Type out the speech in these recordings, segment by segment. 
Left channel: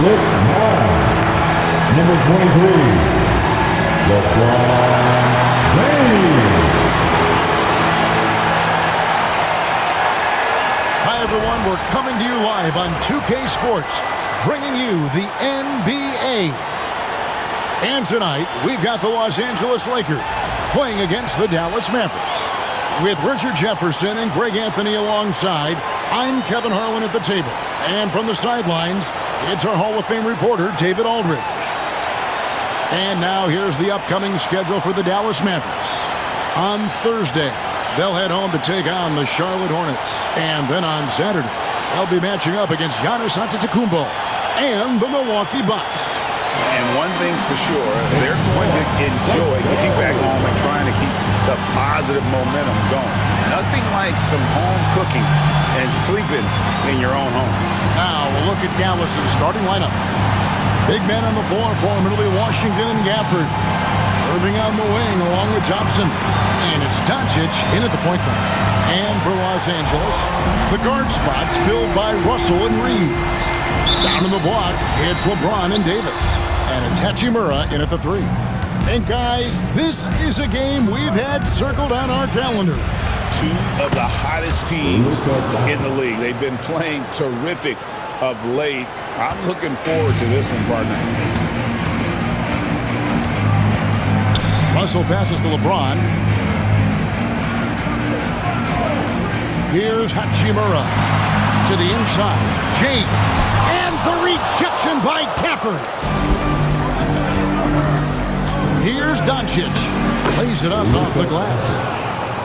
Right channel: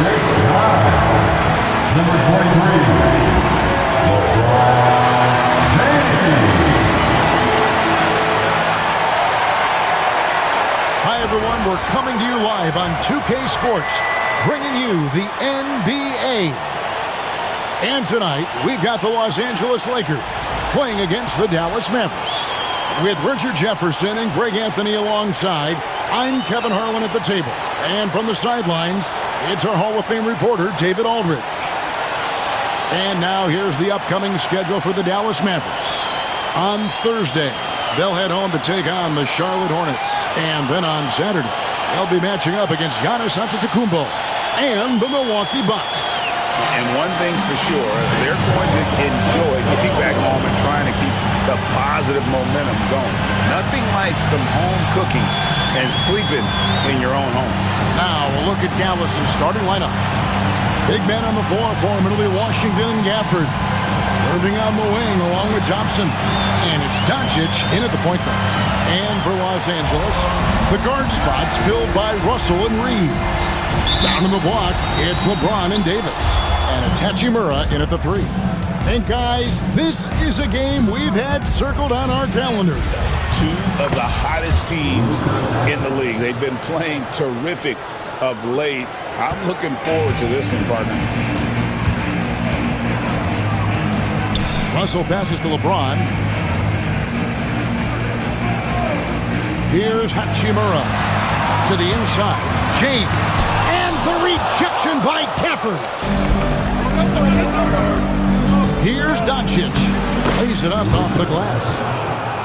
Number 23, LeBron James. Hi, everyone. We're coming to you live on 2K Sports, bringing you the NBA. And tonight, we've got the Los Angeles Lakers playing against the Dallas Mavericks. With Richard Jefferson and Greg Anthony alongside, I'm Kevin Harlan at the table. And from the sidelines, it's our Hall of Fame reporter, David Aldridge. And now here's the upcoming schedule for the Dallas Mavericks. On Thursday, they'll head home to take on the Charlotte Hornets. And then on Saturday, they'll be matching up against Giannis Antetokounmpo and the Milwaukee Bucks. And one thing's for sure, they're going to enjoy getting back home and trying to keep the positive momentum going. Nothing like some home cooking and sleeping in your own home. Now we'll look at Dallas's starting lineup. Big men on the floor for him. It'll be Washington and Gafford. Irving on the wing along with Thompson. And it's Doncic in at the point guard. And for Los Angeles, the guard spots filled by Russell and Reeves. Down in the block, it's LeBron and Davis. And it's Hachimura in at the 3. And guys, this is a game we've had circled on our calendar. Two of the hottest teams in the league. They've been playing terrific of late. I'm looking forward to this one, partner. Russell passes to LeBron. Here's Hachimura to the inside. James. And the rejection by Gafford. Here's Doncic. Plays it up off the glass.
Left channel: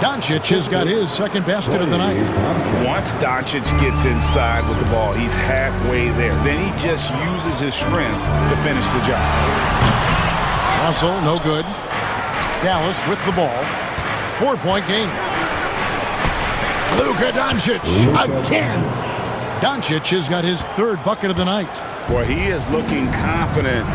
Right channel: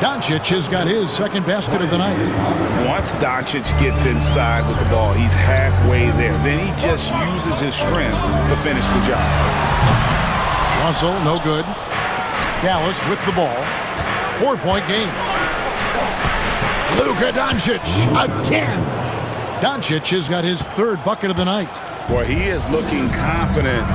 Doncic has got his second basket of the night. Once Doncic gets inside with the ball, he's halfway there. Then he just uses his strength to finish the job. Russell, no good. Dallas with the ball. 4-point game. Luka Doncic again. Doncic has got his third bucket of the night. Boy, he is looking confident.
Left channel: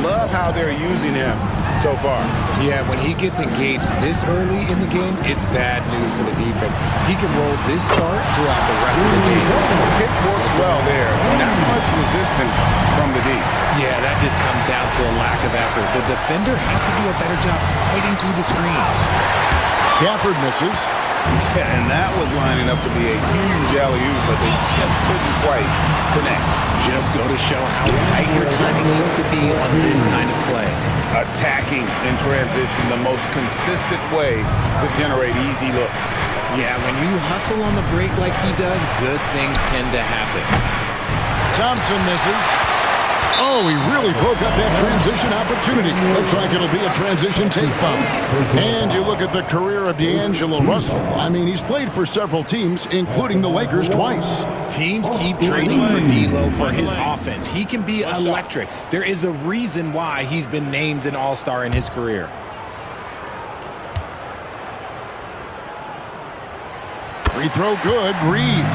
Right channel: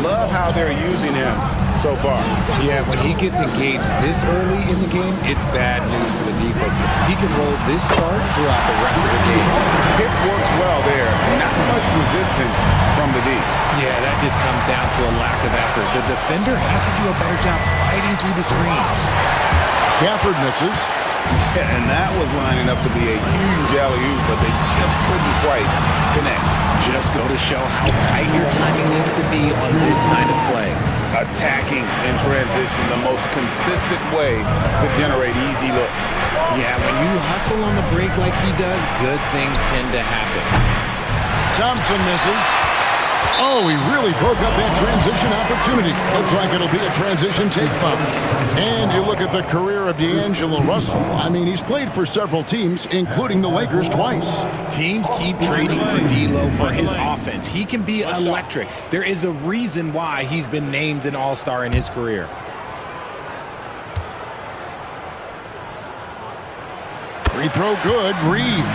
Love how they're using him so far. Yeah, when he gets engaged this early in the game, it's bad news for the defense. He can roll this start throughout the rest of the game. Pick works well there. Not much resistance from the D. Yeah, that just comes down to a lack of effort. The defender has to do a better job fighting through the screens. Gafford misses. Yeah, and that was lining up to be a huge alley-oop, but they just couldn't quite connect. Just go to show how tight your timing needs to be on this kind of play. Attacking in transition, the most consistent way to generate easy looks. Yeah, when you hustle on the break like he does, good things tend to happen. Thompson misses. Oh, he really broke up that transition opportunity. Looks like it'll be a transition take foul. And you look at the career of D'Angelo Russell. I mean, he's played for several teams, including the Lakers twice. Teams keep trading for D'Lo for his offense. He can be electric. There is a reason why he's been named an all-star in his career. Free throw good, Reeves.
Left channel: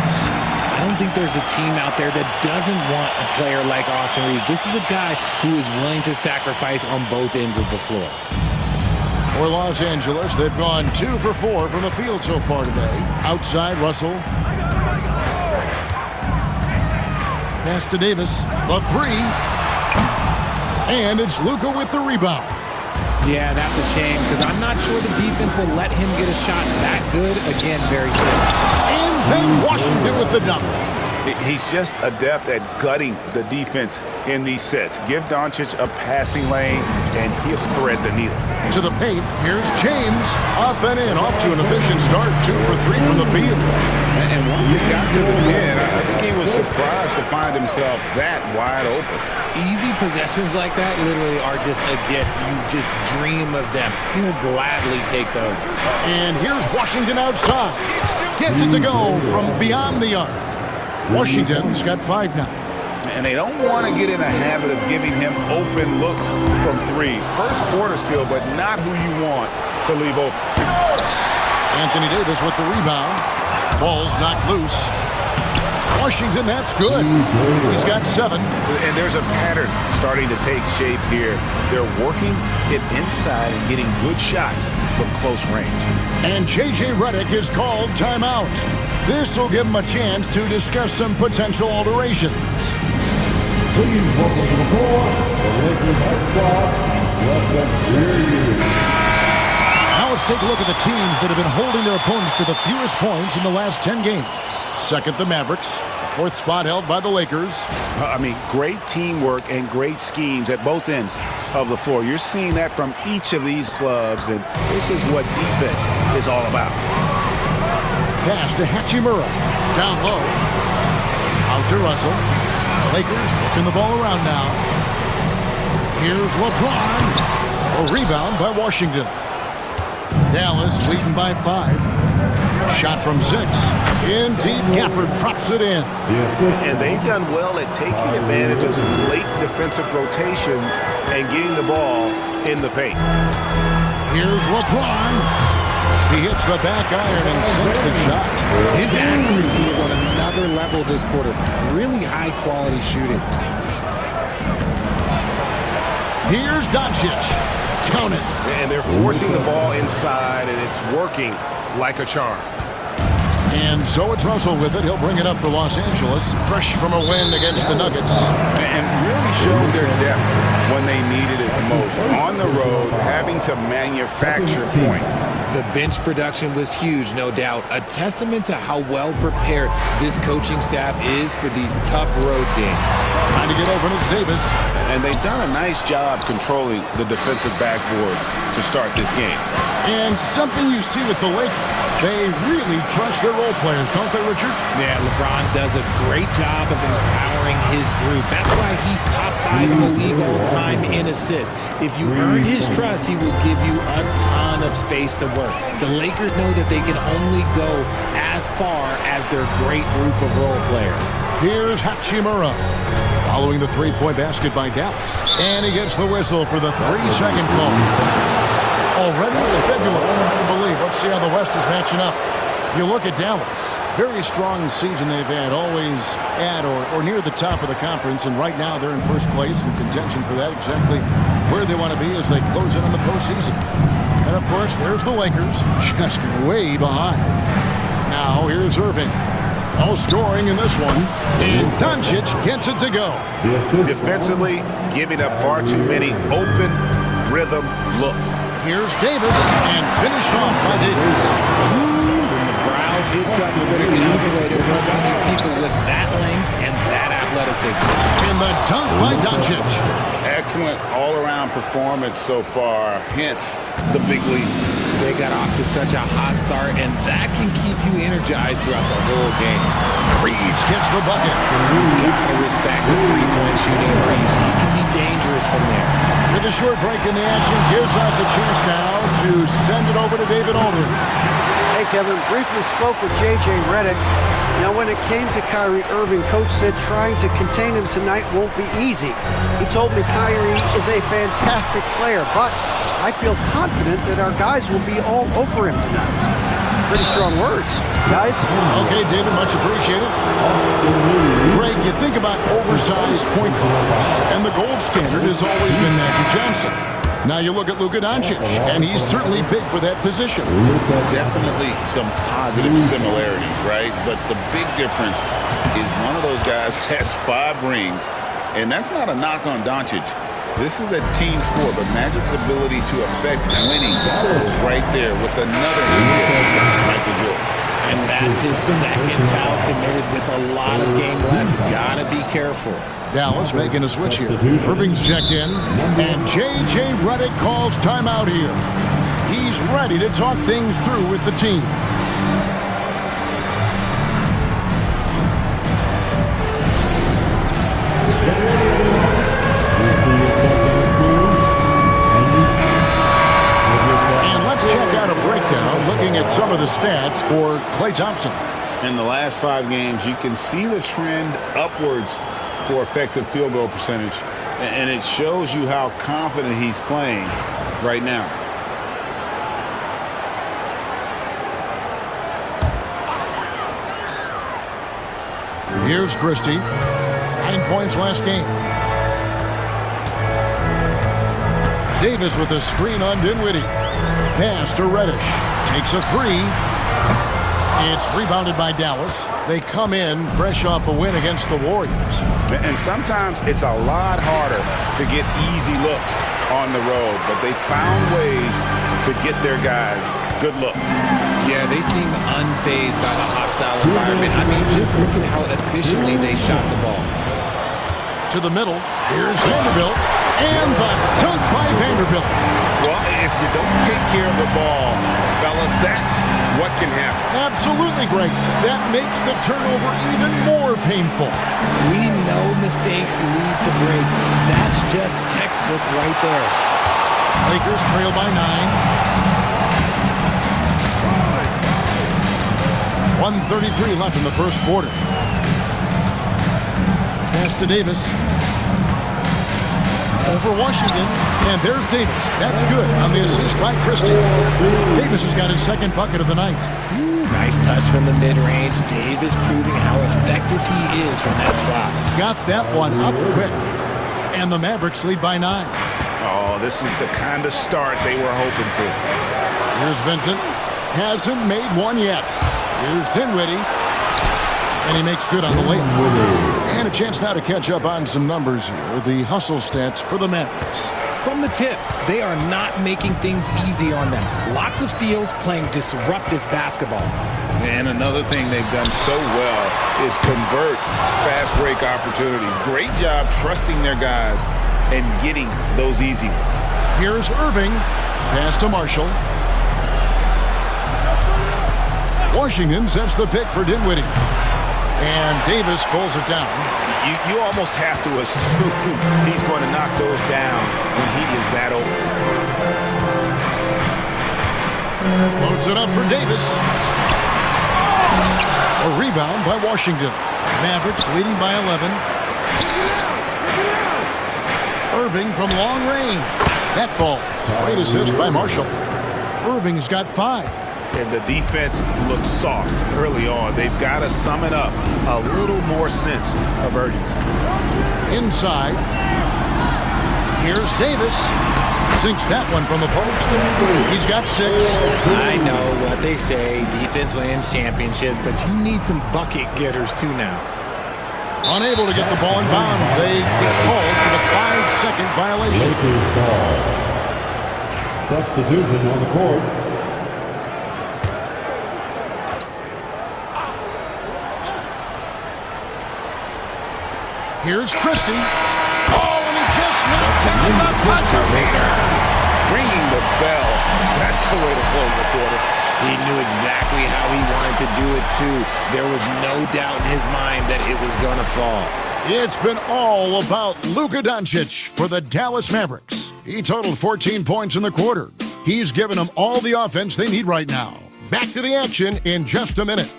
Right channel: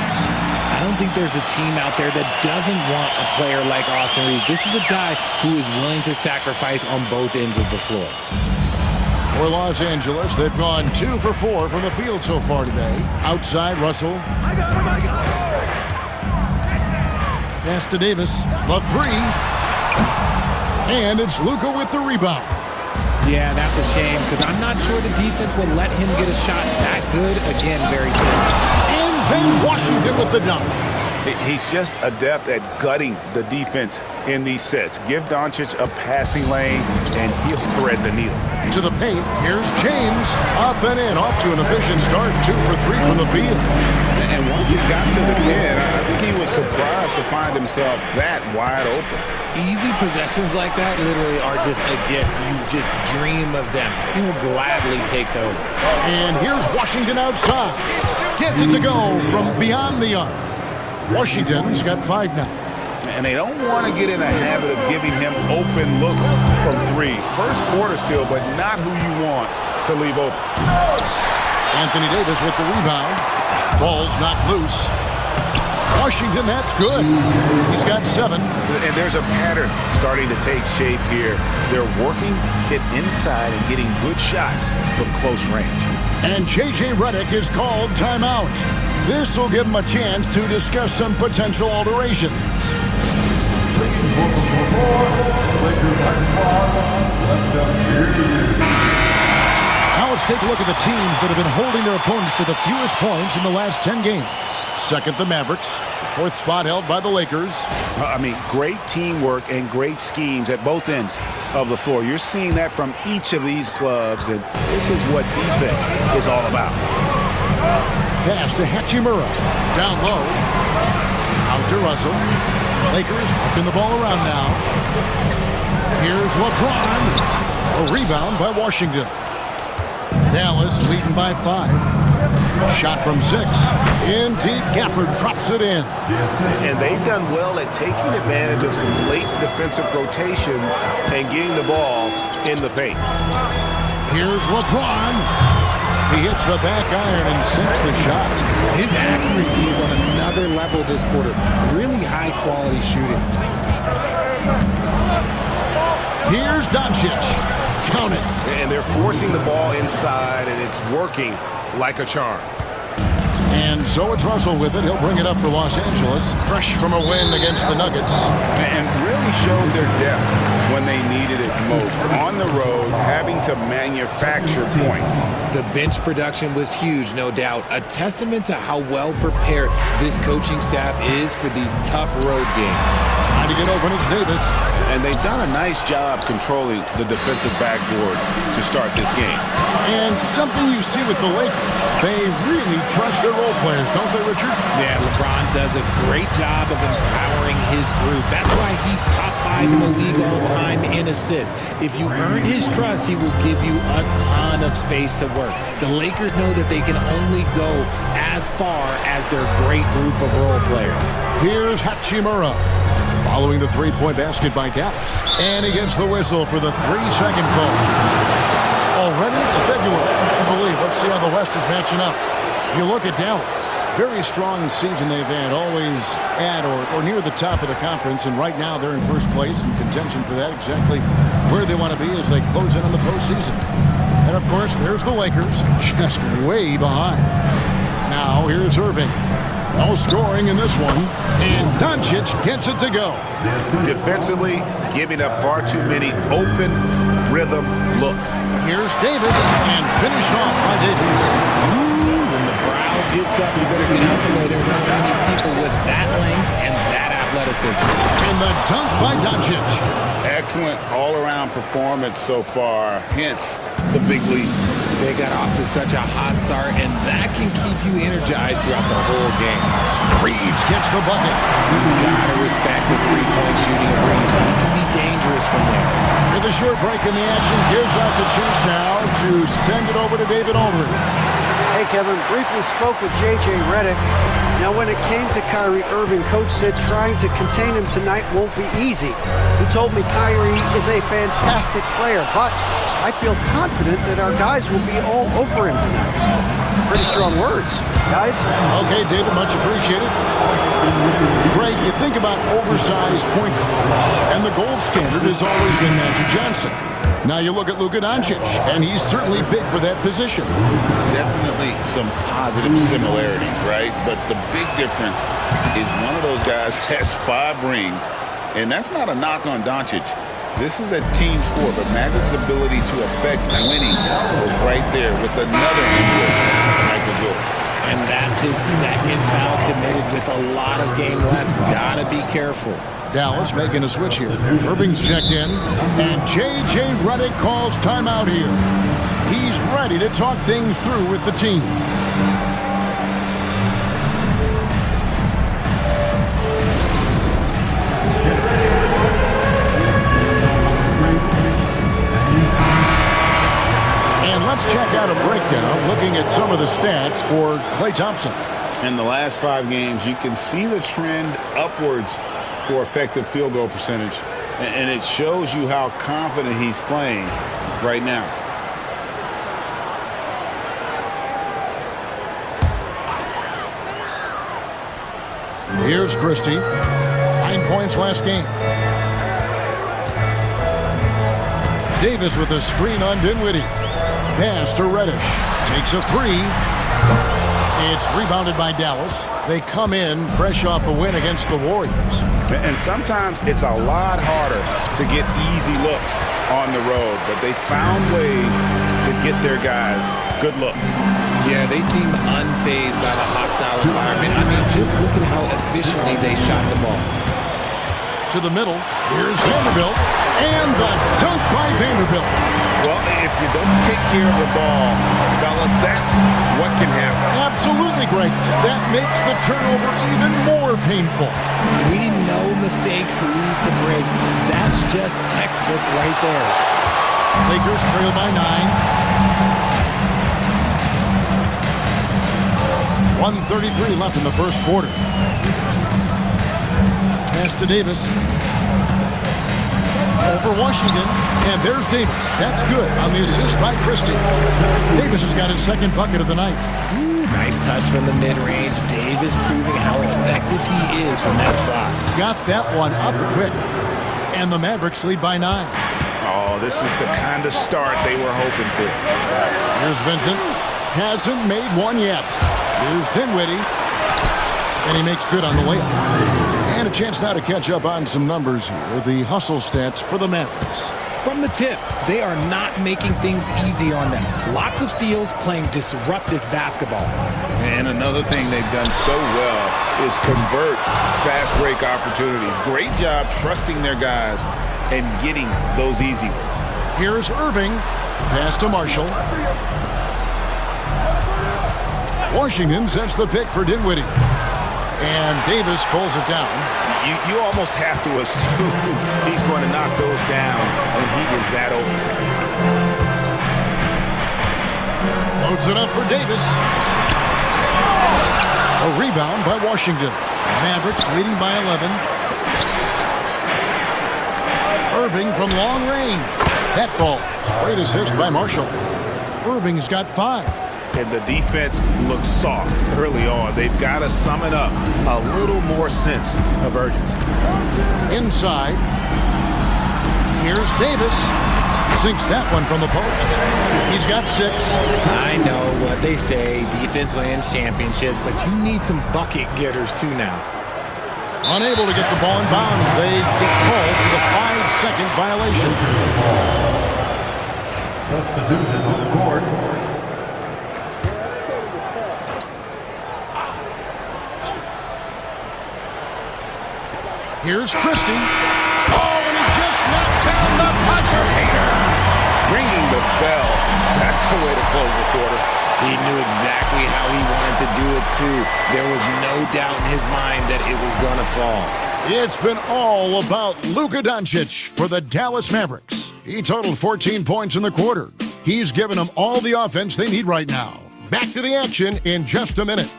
I don't think there's a team out there that doesn't want a player like Austin Reeves. This is a guy who is willing to sacrifice on both ends of the floor. For Los Angeles, they've gone 2 for 4 from the field so far today. Outside, Russell. I got him. Pass to Davis. The 3. And it's Luka with the rebound. Yeah, that's a shame because I'm not sure the defense will let him get a shot that good again very soon. And then Washington with the dunk. He's just adept at gutting the defense in these sets. Give Doncic a passing lane, and he'll thread the needle. To the paint, here's James. Up and in, off to an efficient start. 2 for 3 from the field. And once he got to the 10, I think he was surprised to find himself that wide open. Easy possessions like that literally are just a gift. You just dream of them. He'll gladly take those. And here's Washington outside. Gets it to go from beyond the arc. Washington's got 5 now. And they don't want to get in a habit of giving him open looks from 3. First quarter still, but not who you want to leave open. Anthony Davis with the rebound. Ball's knocked loose. Washington, that's good. He's got 7. And there's a pattern starting to take shape here. They're working it inside and getting good shots from close range. And J.J. Redick is called timeout. This will give him a chance to discuss some potential alterations. Please welcome to the floor, the Lakers High Squad. Let them hear you. Now let's take a look at the teams that have been holding their opponents to the fewest points in the last 10 games. Second, the Mavericks. The fourth spot held by the Lakers. Great teamwork and great schemes at both ends of the floor. You're seeing that from each of these clubs, and this is what defense is all about. Pass to Hachimura. Down low. Out to Russell. Lakers working the ball around now. Here's LeBron. A rebound by Washington. Dallas leading by 5. Shot from 6. In deep, Gafford drops it in. And they've done well at taking advantage of some late defensive rotations and getting the ball in the paint. Here's LeBron. He hits the back iron and sinks the shot. His accuracy is on another level this quarter. Really high-quality shooting. Here's Doncic. Count it. And they're forcing the ball inside, and it's working like a charm. And so it's Russell with it. He'll bring it up for Los Angeles. Fresh from a win against the Nuggets. And really showed their depth when they needed it most. On the road, having to manufacture points. The bench production was huge, no doubt. A testament to how well prepared this coaching staff is for these tough road games. Trying to get open, it's Davis. And they've done a nice job controlling the defensive backboard to start this game. And something you see with the Lakers, they really trust their role players, don't they, Richard? Yeah, LeBron does a great job of empowering his group. That's why he's top 5 in the league all time in assists. If you earn his trust, he will give you a ton of space to work. The Lakers know that they can only go as far as their great group of role players. Here's Hachimura. Following the three-point basket by Dallas. And he gets the whistle for the 3-second call. Already it's February, I believe. Let's see how the West is matching up. You look at Dallas. Very strong season they've had, always at or near the top of the conference. And right now they're in first place in contention for that, exactly where they want to be as they close in on the postseason. And, of course, there's the Lakers, just way behind. Now here's Irving. No scoring in this one. And Doncic gets it to go. Defensively, giving up far too many open rhythm looks. Here's Davis, and finished off by Davis. When the brow gets up, you better get out the way. There's not many people with that length and that athleticism. And the dunk by Doncic. Excellent all-around performance so far, hence the big lead. They got off to such a hot start, and that can keep you energized throughout the whole game. Reeves gets the bucket. You gotta respect the three-point shooting of Reeves. He can be dangerous from there. With a short break in the action, gives us a chance now to send it over to David Aldridge. Hey, Kevin, briefly spoke with J.J. Redick. Now, when it came to Kyrie Irving, Coach said trying to contain him tonight won't be easy. He told me Kyrie is a fantastic player, but I feel confident that our guys will be all over him tonight. Pretty strong words, guys. Okay, David, much appreciated. Greg, you think about oversized point guards, and the gold standard has always been Magic Johnson. Now you look at Luka Doncic, and he's certainly big for that position. Definitely some positive similarities, right? But the big difference is one of those guys has 5 rings, and that's not a knock on Doncic. This is a team sport, but Magic's ability to affect winning was right there with another MJ, Michael Jordan. And that's his second foul committed with a lot of game left. Gotta be careful. Dallas making a switch here. Irving's checked in, and J.J. Redick calls timeout here. He's ready to talk things through with the team. And let's check out a breakdown looking at some of the stats for Klay Thompson. In the last 5 games, you can see the trend upwards for effective field goal percentage, and it shows you how confident he's playing right now. Here's Christie. 9 points last game. Davis with a screen on Dinwiddie. Pass to Reddish. Takes a 3. It's rebounded by Dallas. They come in fresh off a win against the Warriors. And sometimes it's a lot harder to get easy looks on the road, but they found ways to get their guys good looks. Yeah, they seem unfazed by the hostile environment. I mean, just look at how efficiently they shot the ball. To the middle, here's Vanderbilt, and the dunk by Vanderbilt. Well, if you don't take care of the ball, fellas, that's what can happen. Absolutely, Greg. That makes the turnover even more painful. We know mistakes lead to breaks. That's just textbook right there. Lakers trail by 9. 1:33 left in the first quarter. Pass to Davis. Over Washington, and there's Davis. That's good on the assist by Christie. Davis has got his second bucket of the night. Ooh, nice touch from the mid-range. Davis proving how effective he is from that spot. Got that one up quick, and the Mavericks lead by 9. Oh, this is the kind of start they were hoping for. Here's Vincent. Hasn't made one yet. Here's Dinwiddie, and he makes good on the layup. And a chance now to catch up on some numbers here. The hustle stats for the Mavericks. From the tip, they are not making things easy on them. Lots of steals, playing disruptive basketball. And another thing they've done so well is convert fast break opportunities. Great job trusting their guys and getting those easy ones. Here's Irving. Pass to Marshall. Washington sets the pick for Dinwiddie. And Davis pulls it down. You almost have to assume he's going to knock those down when he is that open. Loads it up for Davis. A rebound by Washington. Mavericks leading by 11. Irving from long range. That falls. Great assist by Marshall. Irving's got 5. And the defense looks soft early on. They've got to sum it up a little more sense of urgency. Inside. Here's Davis. Sinks that one from the post. He's got 6. I know what they say. Defense wins championships, but you need some bucket getters too now. Unable to get the ball in bounds. They get called for the 5-second violation. Substitution on the court. Here's Christie. Oh, and he just knocked down the buzzer beater. Ringing the bell. That's the way to close the quarter. He knew exactly how he wanted to do it, too. There was no doubt in his mind that it was going to fall. It's been all about Luka Doncic for the Dallas Mavericks. He totaled 14 points in the quarter. He's given them all the offense they need right now. Back to the action in just a minute.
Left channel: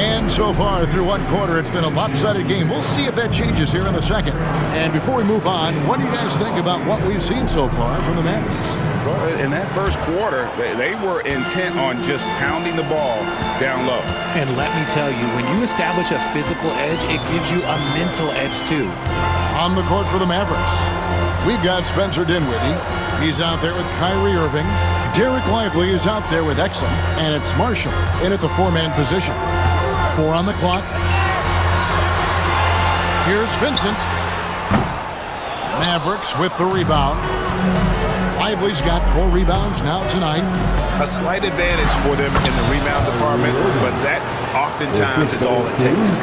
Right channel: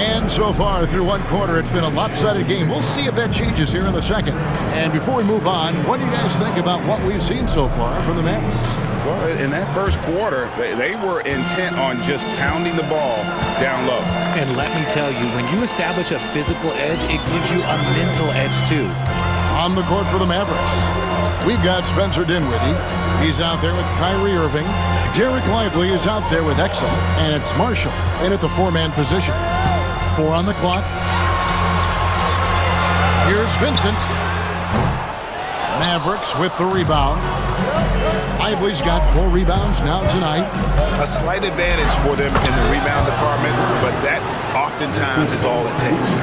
And so far through one quarter, it's been a lopsided game. We'll see if that changes here in the second. And before we move on, what do you guys think about what we've seen so far from the Mavericks? Well, in that first quarter, they were intent on just pounding the ball down low. And let me tell you, when you establish a physical edge, it gives you a mental edge too. On the court for the Mavericks, we've got Spencer Dinwiddie. He's out there with Kyrie Irving. Derek Lively is out there with Exum. And it's Marshall in at the 4-man position. 4 on the clock. Here's Vincent. Mavericks with the rebound. Lively's got 4 rebounds now tonight. A slight advantage for them in the rebound department, but that oftentimes is all it takes.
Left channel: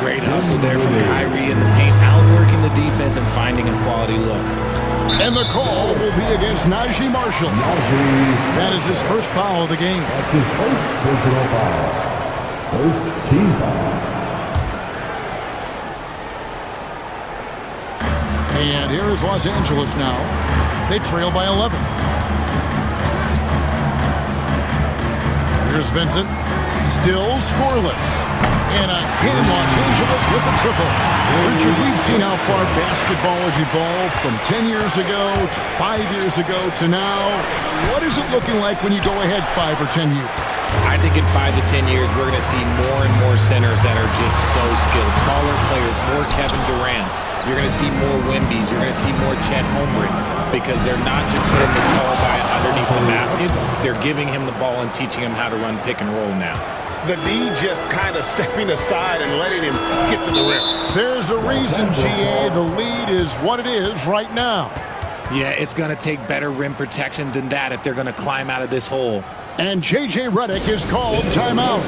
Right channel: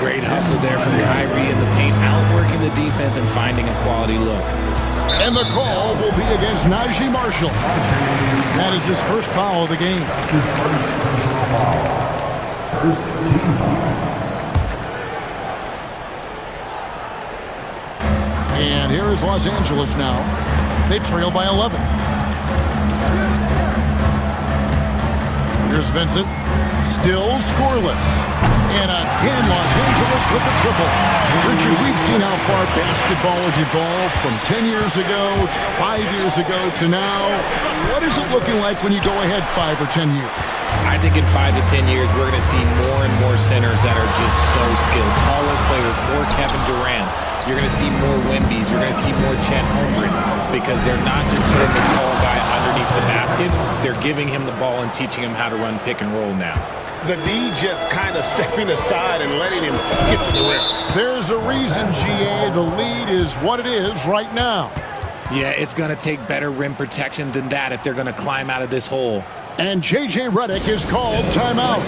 Great hustle there from Kyrie in the paint, outworking the defense and finding a quality look. And the call will be against Najee Marshall. That is his first foul of the game. That's his first personal foul. First team foul. And here is Los Angeles now. They trail by 11. Here's Vincent. Still scoreless. And again, Los Angeles with the triple. Richard, we've seen how far basketball has evolved from 10 years ago to 5 years ago to now. What is it looking like when you go ahead 5 or 10 years? I think in 5 to 10 years, we're going to see more and more centers that are just so skilled. Taller players, more Kevin Durant's. You're going to see more Wembys. You're going to see more Chet Holmgrens because they're not just putting the tall guy underneath the basket. They're giving him the ball and teaching him how to run pick and roll now. The D just kind of stepping aside and letting him get to the rim. There's a reason, GA, the lead is what it is right now. Yeah, it's going to take better rim protection than that if they're going to climb out of this hole. And J.J. Redick is called timeout.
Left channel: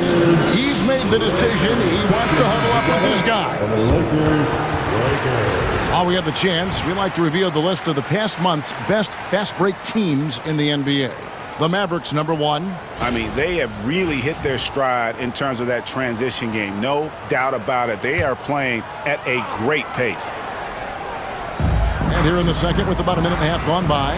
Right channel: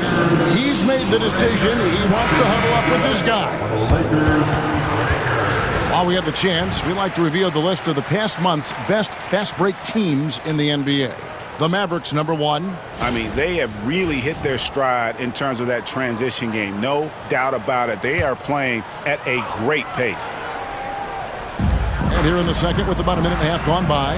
He's made the decision. He wants to huddle up with this guy. For the Lakers. While we have the chance, we like to reveal the list of the past month's best fast break teams in the NBA. The Mavericks, number 1. I mean, they have really hit their stride in terms of that transition game. No doubt about it. They are playing at a great pace. And here in the second with about a minute and a half gone by.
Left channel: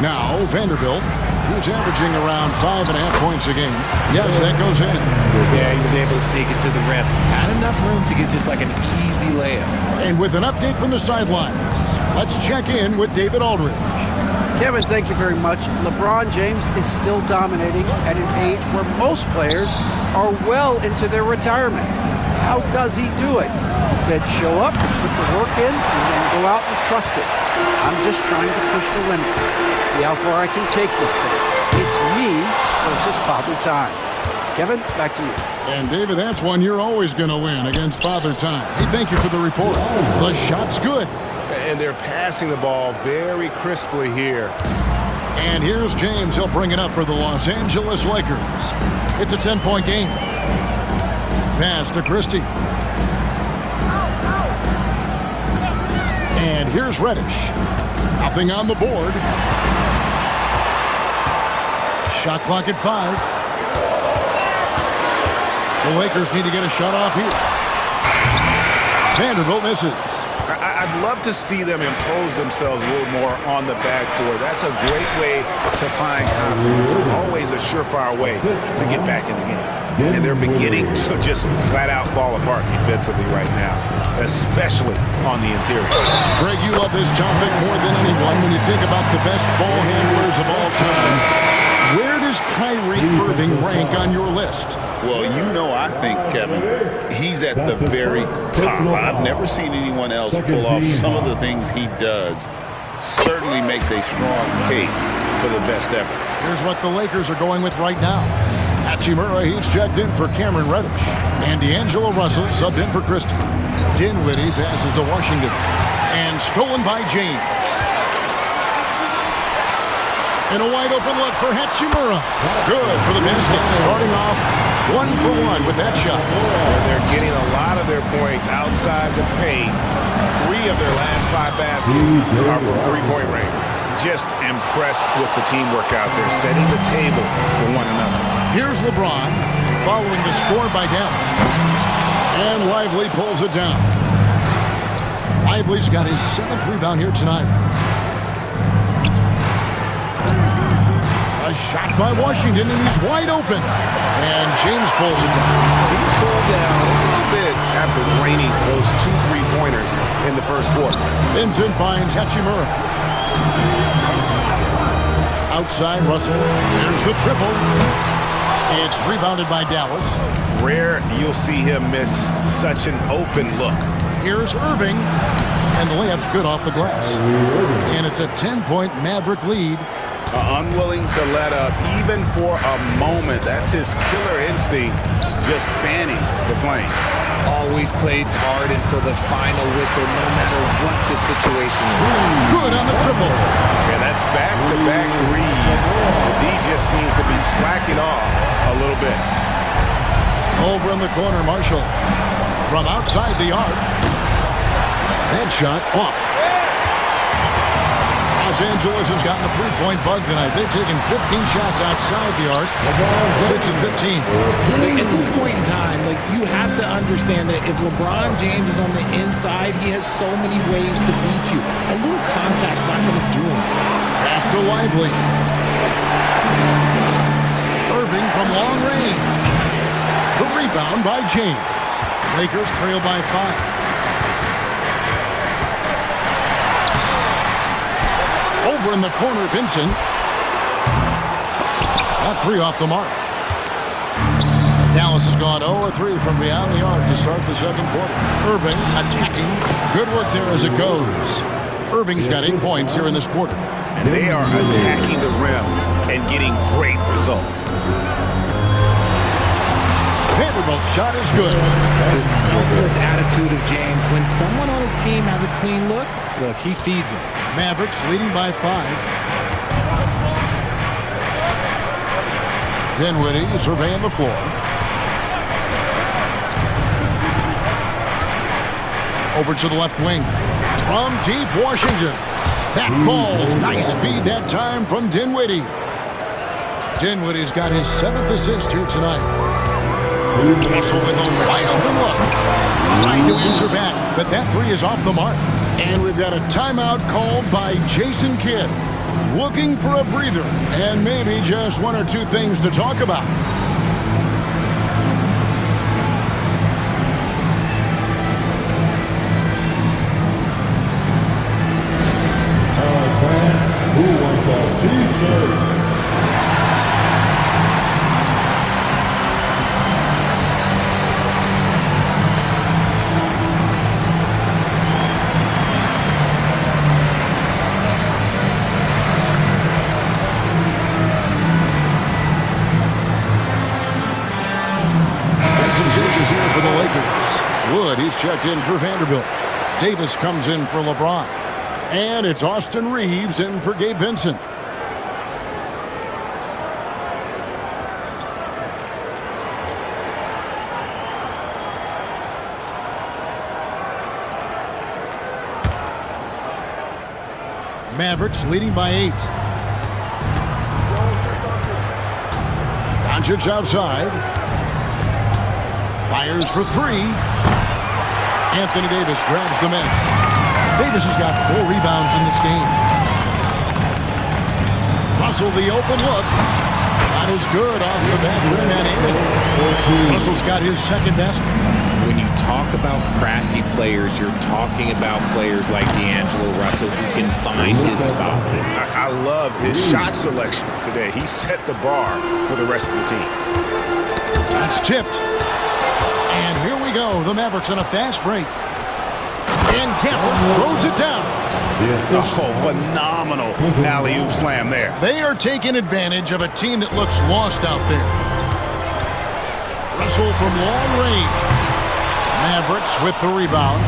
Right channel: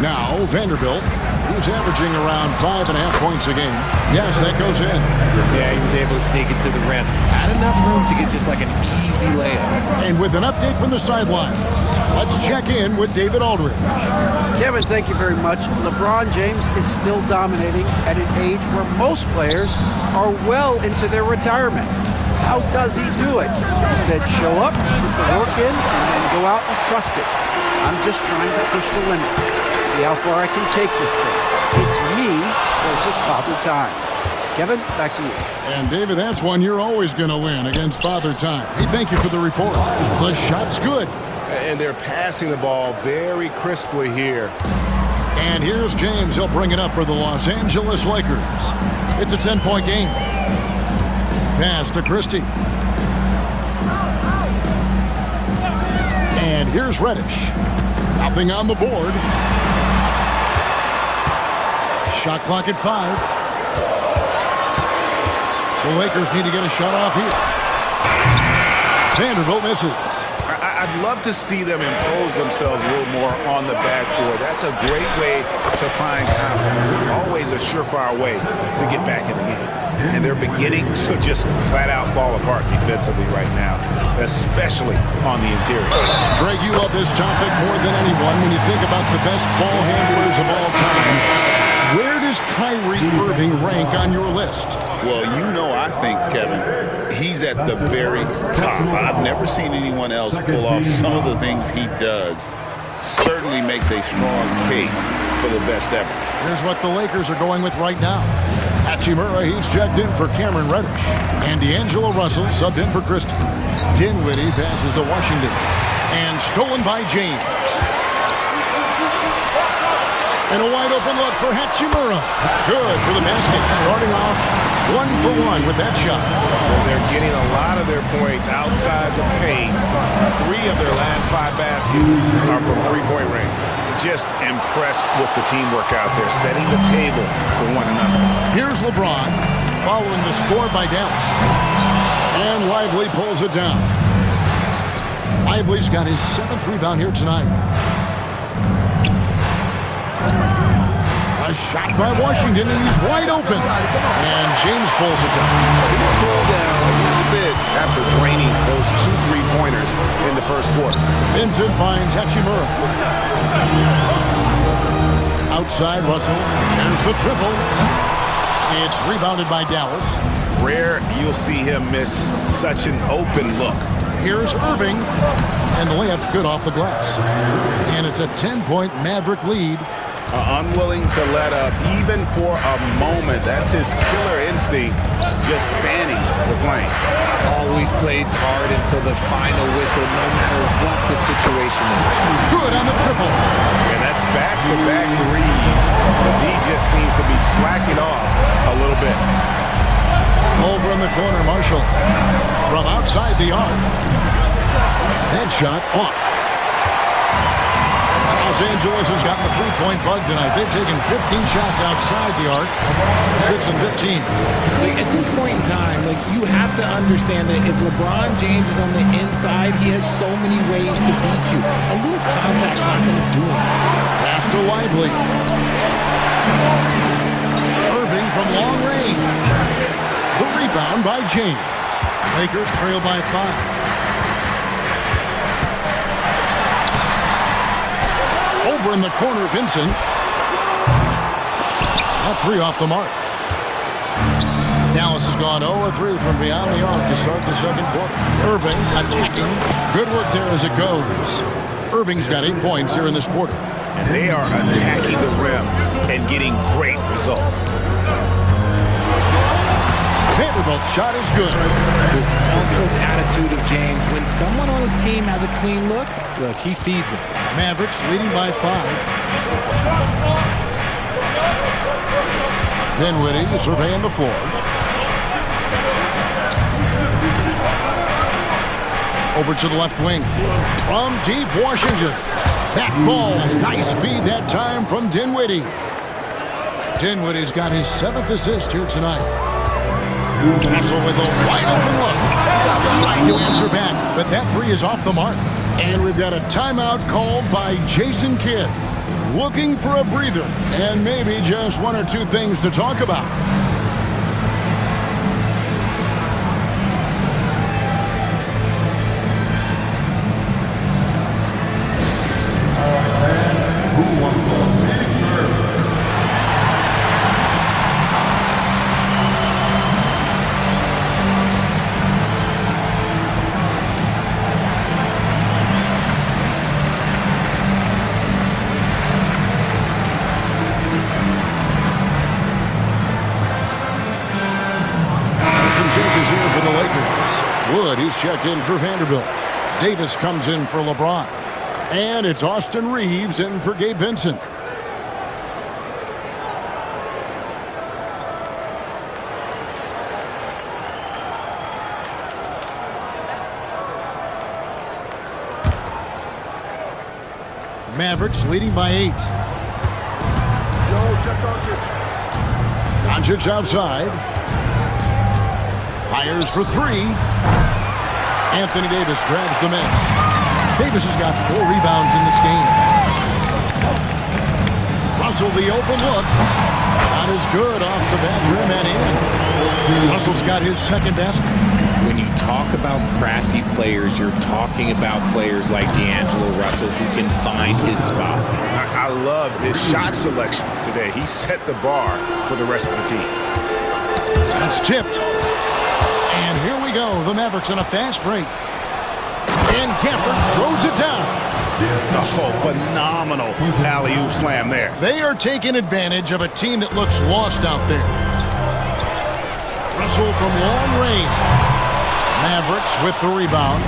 Now, Vanderbilt, who's averaging around 5.5 points a game. Yes, that goes in. Yeah, he was able to sneak it to the rim. Had enough room to get just like an easy layup. And with an update from the sidelines, let's check in with David Aldridge. Kevin, thank you very much. LeBron James is still dominating at an age where most players are well into their retirement. How does he do it? He said, show up, put the work in, and then go out and trust it. I'm just trying to push the limit. See how far I can take this thing. It's me versus Father Time. Kevin, back to you. And David, that's one you're always going to win against Father Time. Hey, thank you for the report. The shot's good. And they're passing the ball very crisply here. And here's James. He'll bring it up for the Los Angeles Lakers. It's a 10-point game. Pass to Christie. And here's Reddish. Nothing on the board. Shot clock at 5. The Lakers need to get a shot off here. Vanderbilt misses. I'd love to see them impose themselves a little more on the backboard. That's a great way to find confidence. Always a surefire way to get back in the game. And they're beginning to just flat out fall apart defensively right now, especially on the interior. Greg, you love this topic more than anyone when you think about the best ball handlers of all time. Where does Kyrie Irving rank on your list? Well, you know, I think, Kevin, he's at the very top. I've never seen anyone else pull off some of the things he does. Certainly makes a strong case for the best ever. Here's what the Lakers are going with right now. Hachimura, he's checked in for Cameron Reddish. And D'Angelo Russell subbed in for Christie. Dinwiddie passes to Washington. And stolen by James. And a wide open look for Hachimura. Good for the basket. Starting off 1 for 1 with that shot. They're getting a lot of their points outside the paint. 3 of their last 5 baskets are from three-point range. Just impressed with the teamwork out there, setting the table for one another. Here's LeBron following the score by Dallas. And Lively pulls it down. Lively's got his 7th rebound here tonight. A shot by Washington, and he's wide open. And James pulls it down. He's cooled down a little bit after draining those 2 3-pointers in the first quarter. Vincent finds Hachimura. Outside Russell. There's the triple. It's rebounded by Dallas. Rare you'll see him miss such an open look. Here's Irving. And the layup's good off the glass. And it's a 10-point Maverick lead. Unwilling to let up even for a moment. That's his killer instinct, just fanning the flame. Always plays hard until the final whistle, no matter what the situation is. Good on the triple. And that's back-to-back threes. The D just seems to be slacking off a little bit. Over in the corner, Marshall. From outside the arc. Headshot off. Los Angeles has gotten the three-point bug tonight. They've taken 15 shots outside the arc, 6 of 15. At this point in time, you have to understand that if LeBron James is on the inside, he has so many ways to beat you. A little contact's not going to do anything. Pass to Lively. from long range. The rebound by James. Lakers trail by 5. Over in the corner, Vincent. That three off the mark. Dallas has gone 0-3 from beyond the arc to start the second quarter. Irving attacking. Good work there as it goes. Irving's got 8 points here in this quarter. And they are attacking the rim and getting great results. Vanderbilt's shot is good. The selfless attitude of James. When someone on his team has a clean look, he feeds him. Mavericks leading by 5. Dinwiddie surveying the floor. Over to the left wing. From deep Washington. That falls. Nice feed that time from Dinwiddie. Dinwiddie's got his 7th assist here tonight. Russell with a wide open look. Trying to answer back, but that three is off the mark. And we've got a timeout called by Jason Kidd. Looking for a breather and maybe just 1 or 2 things to talk about. All right, fans, who wants a t-shirt? Some changes here for the Lakers. Wood, he's checked in for Vanderbilt. Davis comes in for LeBron. And it's Austin Reeves in for Gabe Vincent. Mavericks leading by 8. Doncic outside. Fires for 3. Anthony Davis grabs the miss. Davis has got 4 rebounds in this game. Russell, the open look. Shot is good off the back rim and in. Russell's got his 2nd basket. When you talk about crafty players, you're talking about players like D'Angelo Russell who can find his spot. I love his shot selection today. He set the bar for the rest of the team. That's tipped. And here we go. The Mavericks on a fast break. And Gafford throws it down. Oh, phenomenal alley-oop slam there. They are taking advantage of a team that looks lost out there. Russell from long range. Mavericks with the rebound.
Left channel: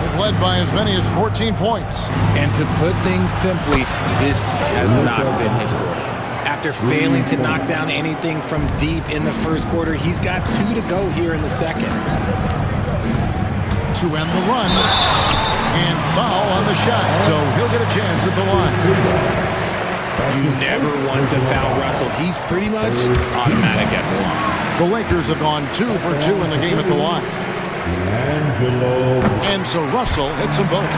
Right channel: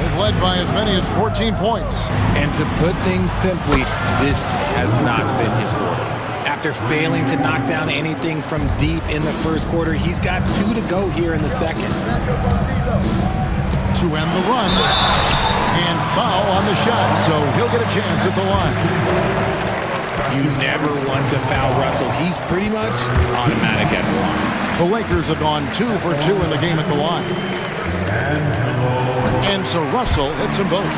They've led by as many as 14 points. And to put things simply, this has not been his quarter. After failing to knock down anything from deep in the first quarter, he's got 2 to go here in the second. To end the run. And foul on the shot, so he'll get a chance at the line. You never want to foul Russell. He's pretty much automatic at the line. The Lakers have gone 2 for 2 in the game at the line. And so Russell hits them both.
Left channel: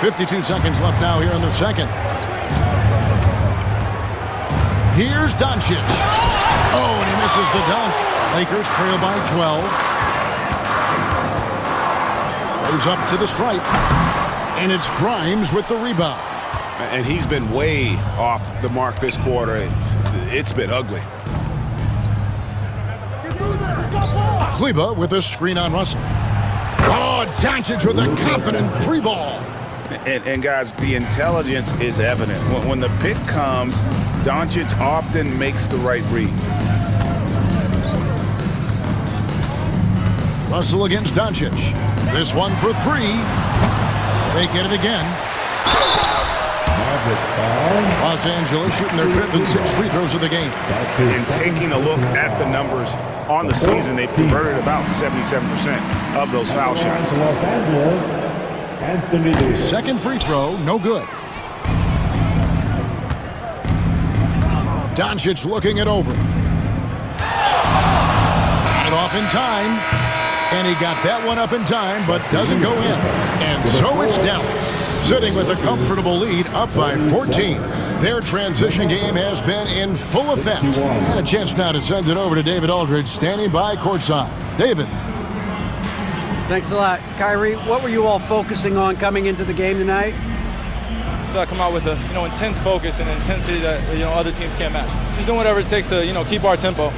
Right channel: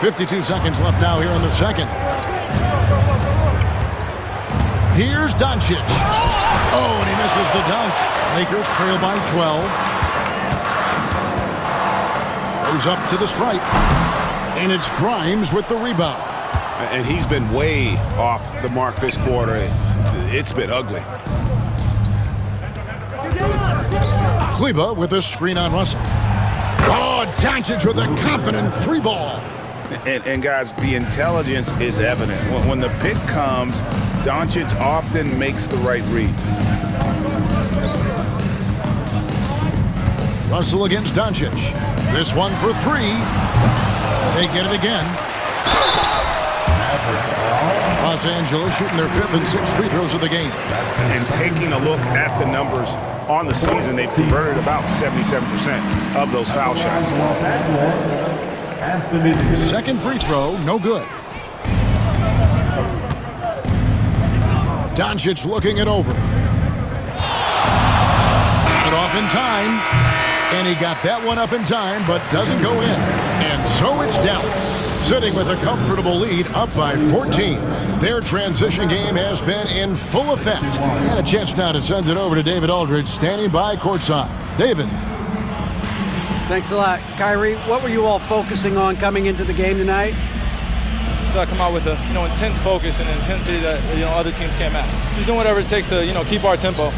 52 seconds left now here in the second. Here's Doncic. Oh, and he misses the dunk. Lakers trail by 12. Goes up to the stripe. And it's Grimes with the rebound. And he's been way off the mark this quarter. It's been ugly. Kleba with a screen on Russell. Oh, Doncic with a confident 3-ball. And guys, the intelligence is evident. When the pick comes, Doncic often makes the right read. Russell against Doncic. This one for 3. They get it again. Los Angeles shooting their 5th and 6th free throws of the game. And taking a look at the numbers on the season, they've converted about 77% of those foul shots. Second free throw, no good. Doncic looking it over. Got it off in time. And he got that one up in time, but doesn't go in. And so it's Dallas, sitting with a comfortable lead up by 14. Their transition game has been in full effect. And a chance now to send it over to David Aldridge, standing by courtside. David. Thanks a lot. Kyrie, what were you all focusing on coming into the game tonight? Come out with a intense focus and intensity that other teams can't match. Just doing whatever it takes to keep our tempo.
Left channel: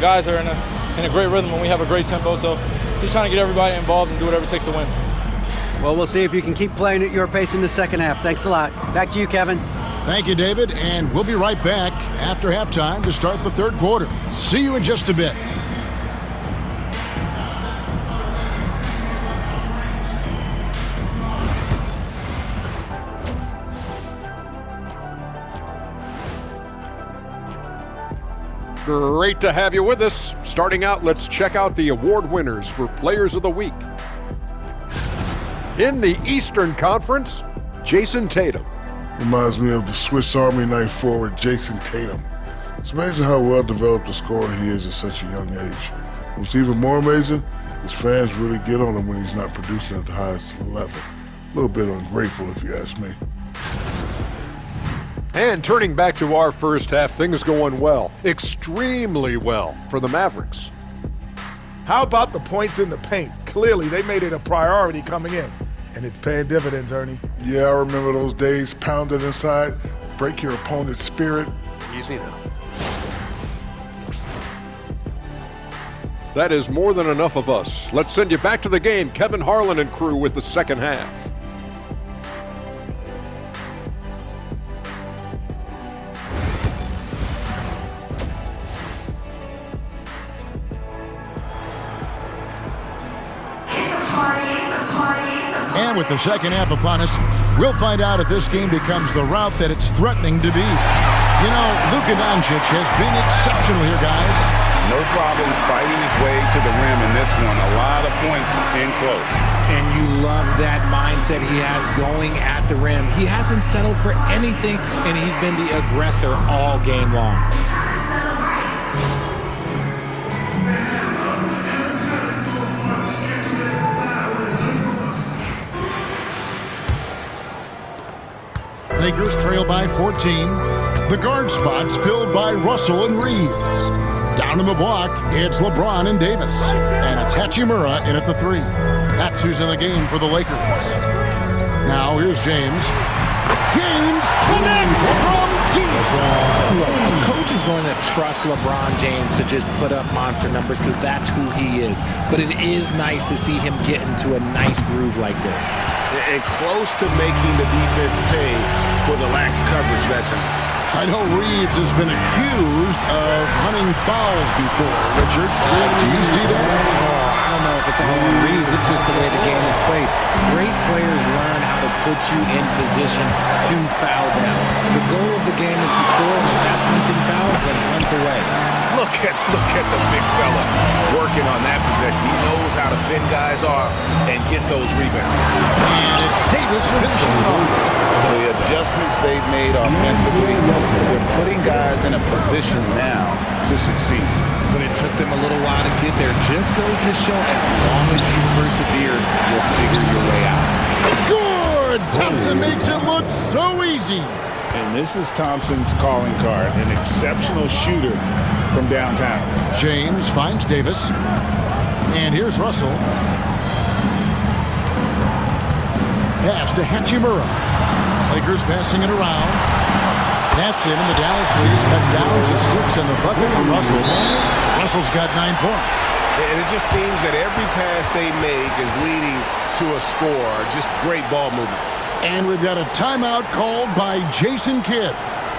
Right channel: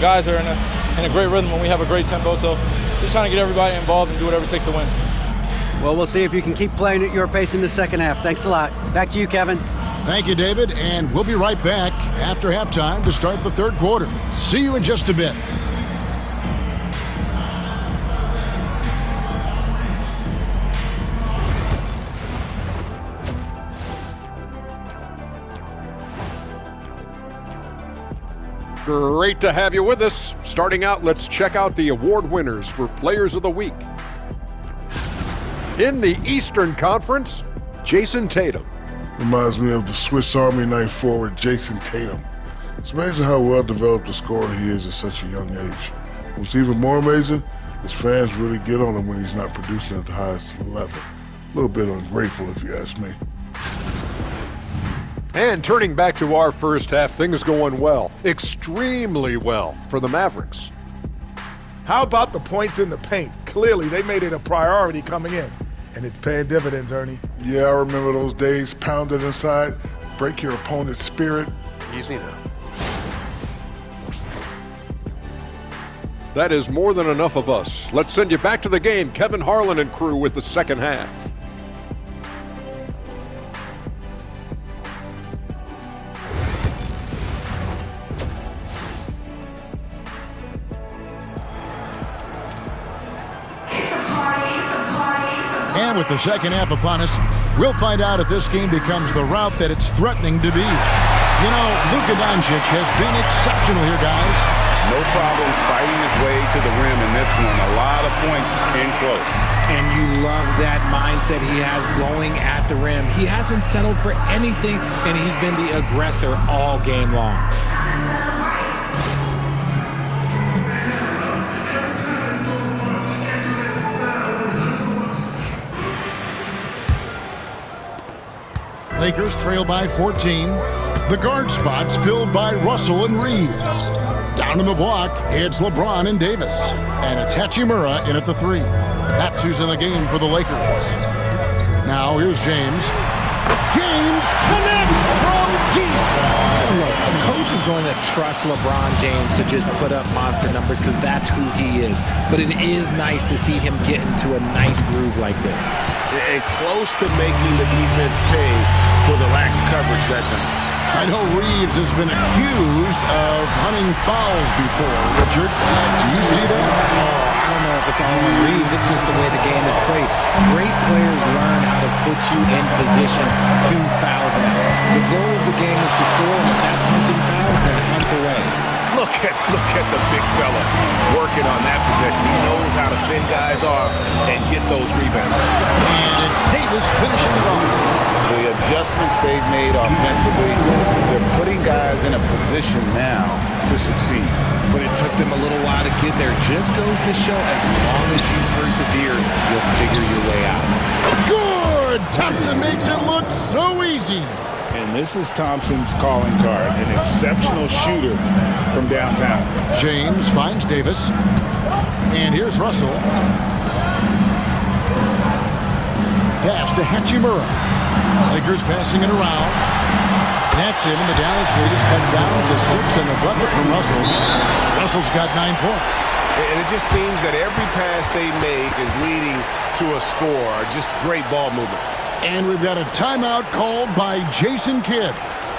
Guys are in a great rhythm when we have a great tempo. So just trying to get everybody involved and do whatever it takes to win. Well, we'll see if you can keep playing at your pace in the second half. Thanks a lot. Back to you, Kevin. Thank you, David, and we'll be right back after halftime to start the third quarter. See you in just a bit. Great to have you with us. Starting out, let's check out the award winners for Players of the Week. In the Eastern Conference, Jason Tatum. Reminds me of the Swiss Army knife forward Jason Tatum. It's amazing how well developed a scorer he is at such a young age. What's even more amazing, his fans really get on him when he's not producing at the highest level. A little bit ungrateful if you ask me. And turning back to our first half, things going well, extremely well for the Mavericks. How about the points in the paint? Clearly, they made it a priority coming in, and it's paying dividends, Ernie. Yeah, I remember those days pounded inside. Break your opponent's spirit. Easy now. That is more than enough of us. Let's send you back to the game. Kevin Harlan and crew with the second half. And with the second half upon us, we'll find out if this game becomes the route that it's threatening to be. Luka Doncic has been exceptional here, guys. No problems fighting his way to the rim in this one. A lot of points in close. And you love that mindset he has going at the rim. He hasn't settled for anything, and he's been the aggressor all game long. Lakers trail by 14. The guard spots filled by Russell and Reeves. Down in the block, it's LeBron and Davis. And it's Hachimura in at the 3. That's who's in the game for the Lakers. Now here's James. James connects from deep. Look, a coach is going to trust LeBron James to just put up monster numbers because that's who he is. But it is nice to see him get into a nice groove like this. And close to making the defense pay for the lax coverage that time. I know Reeves has been accused of hunting fouls before. Richard, do you see that? Oh, I don't know if it's all on Reeves. It's just the way the game is played. Great players learn how to put you in position to foul them. The goal of the game is to score, and if that's hunting fouls, then hunt away. Look at the big fella working on that possession. He knows how to fend guys off and get those rebounds. And it's Davis finishing it off. The adjustments they've made offensively, they're putting guys in a position now to succeed. But it took them a little while to get there. Just goes to show as long as you persevere, you'll figure your way out. Good! Thompson makes it look so easy. And this is Thompson's calling card, an exceptional shooter from downtown. James finds Davis. And here's Russell. Pass to Hachimura. Lakers passing it around. That's it, and the Dallas lead is cut down to 6 in the bucket from Russell. Russell's got 9 points. And it just seems that every pass they make is leading to a score. Just great ball movement. And we've got a timeout called by Jason Kidd.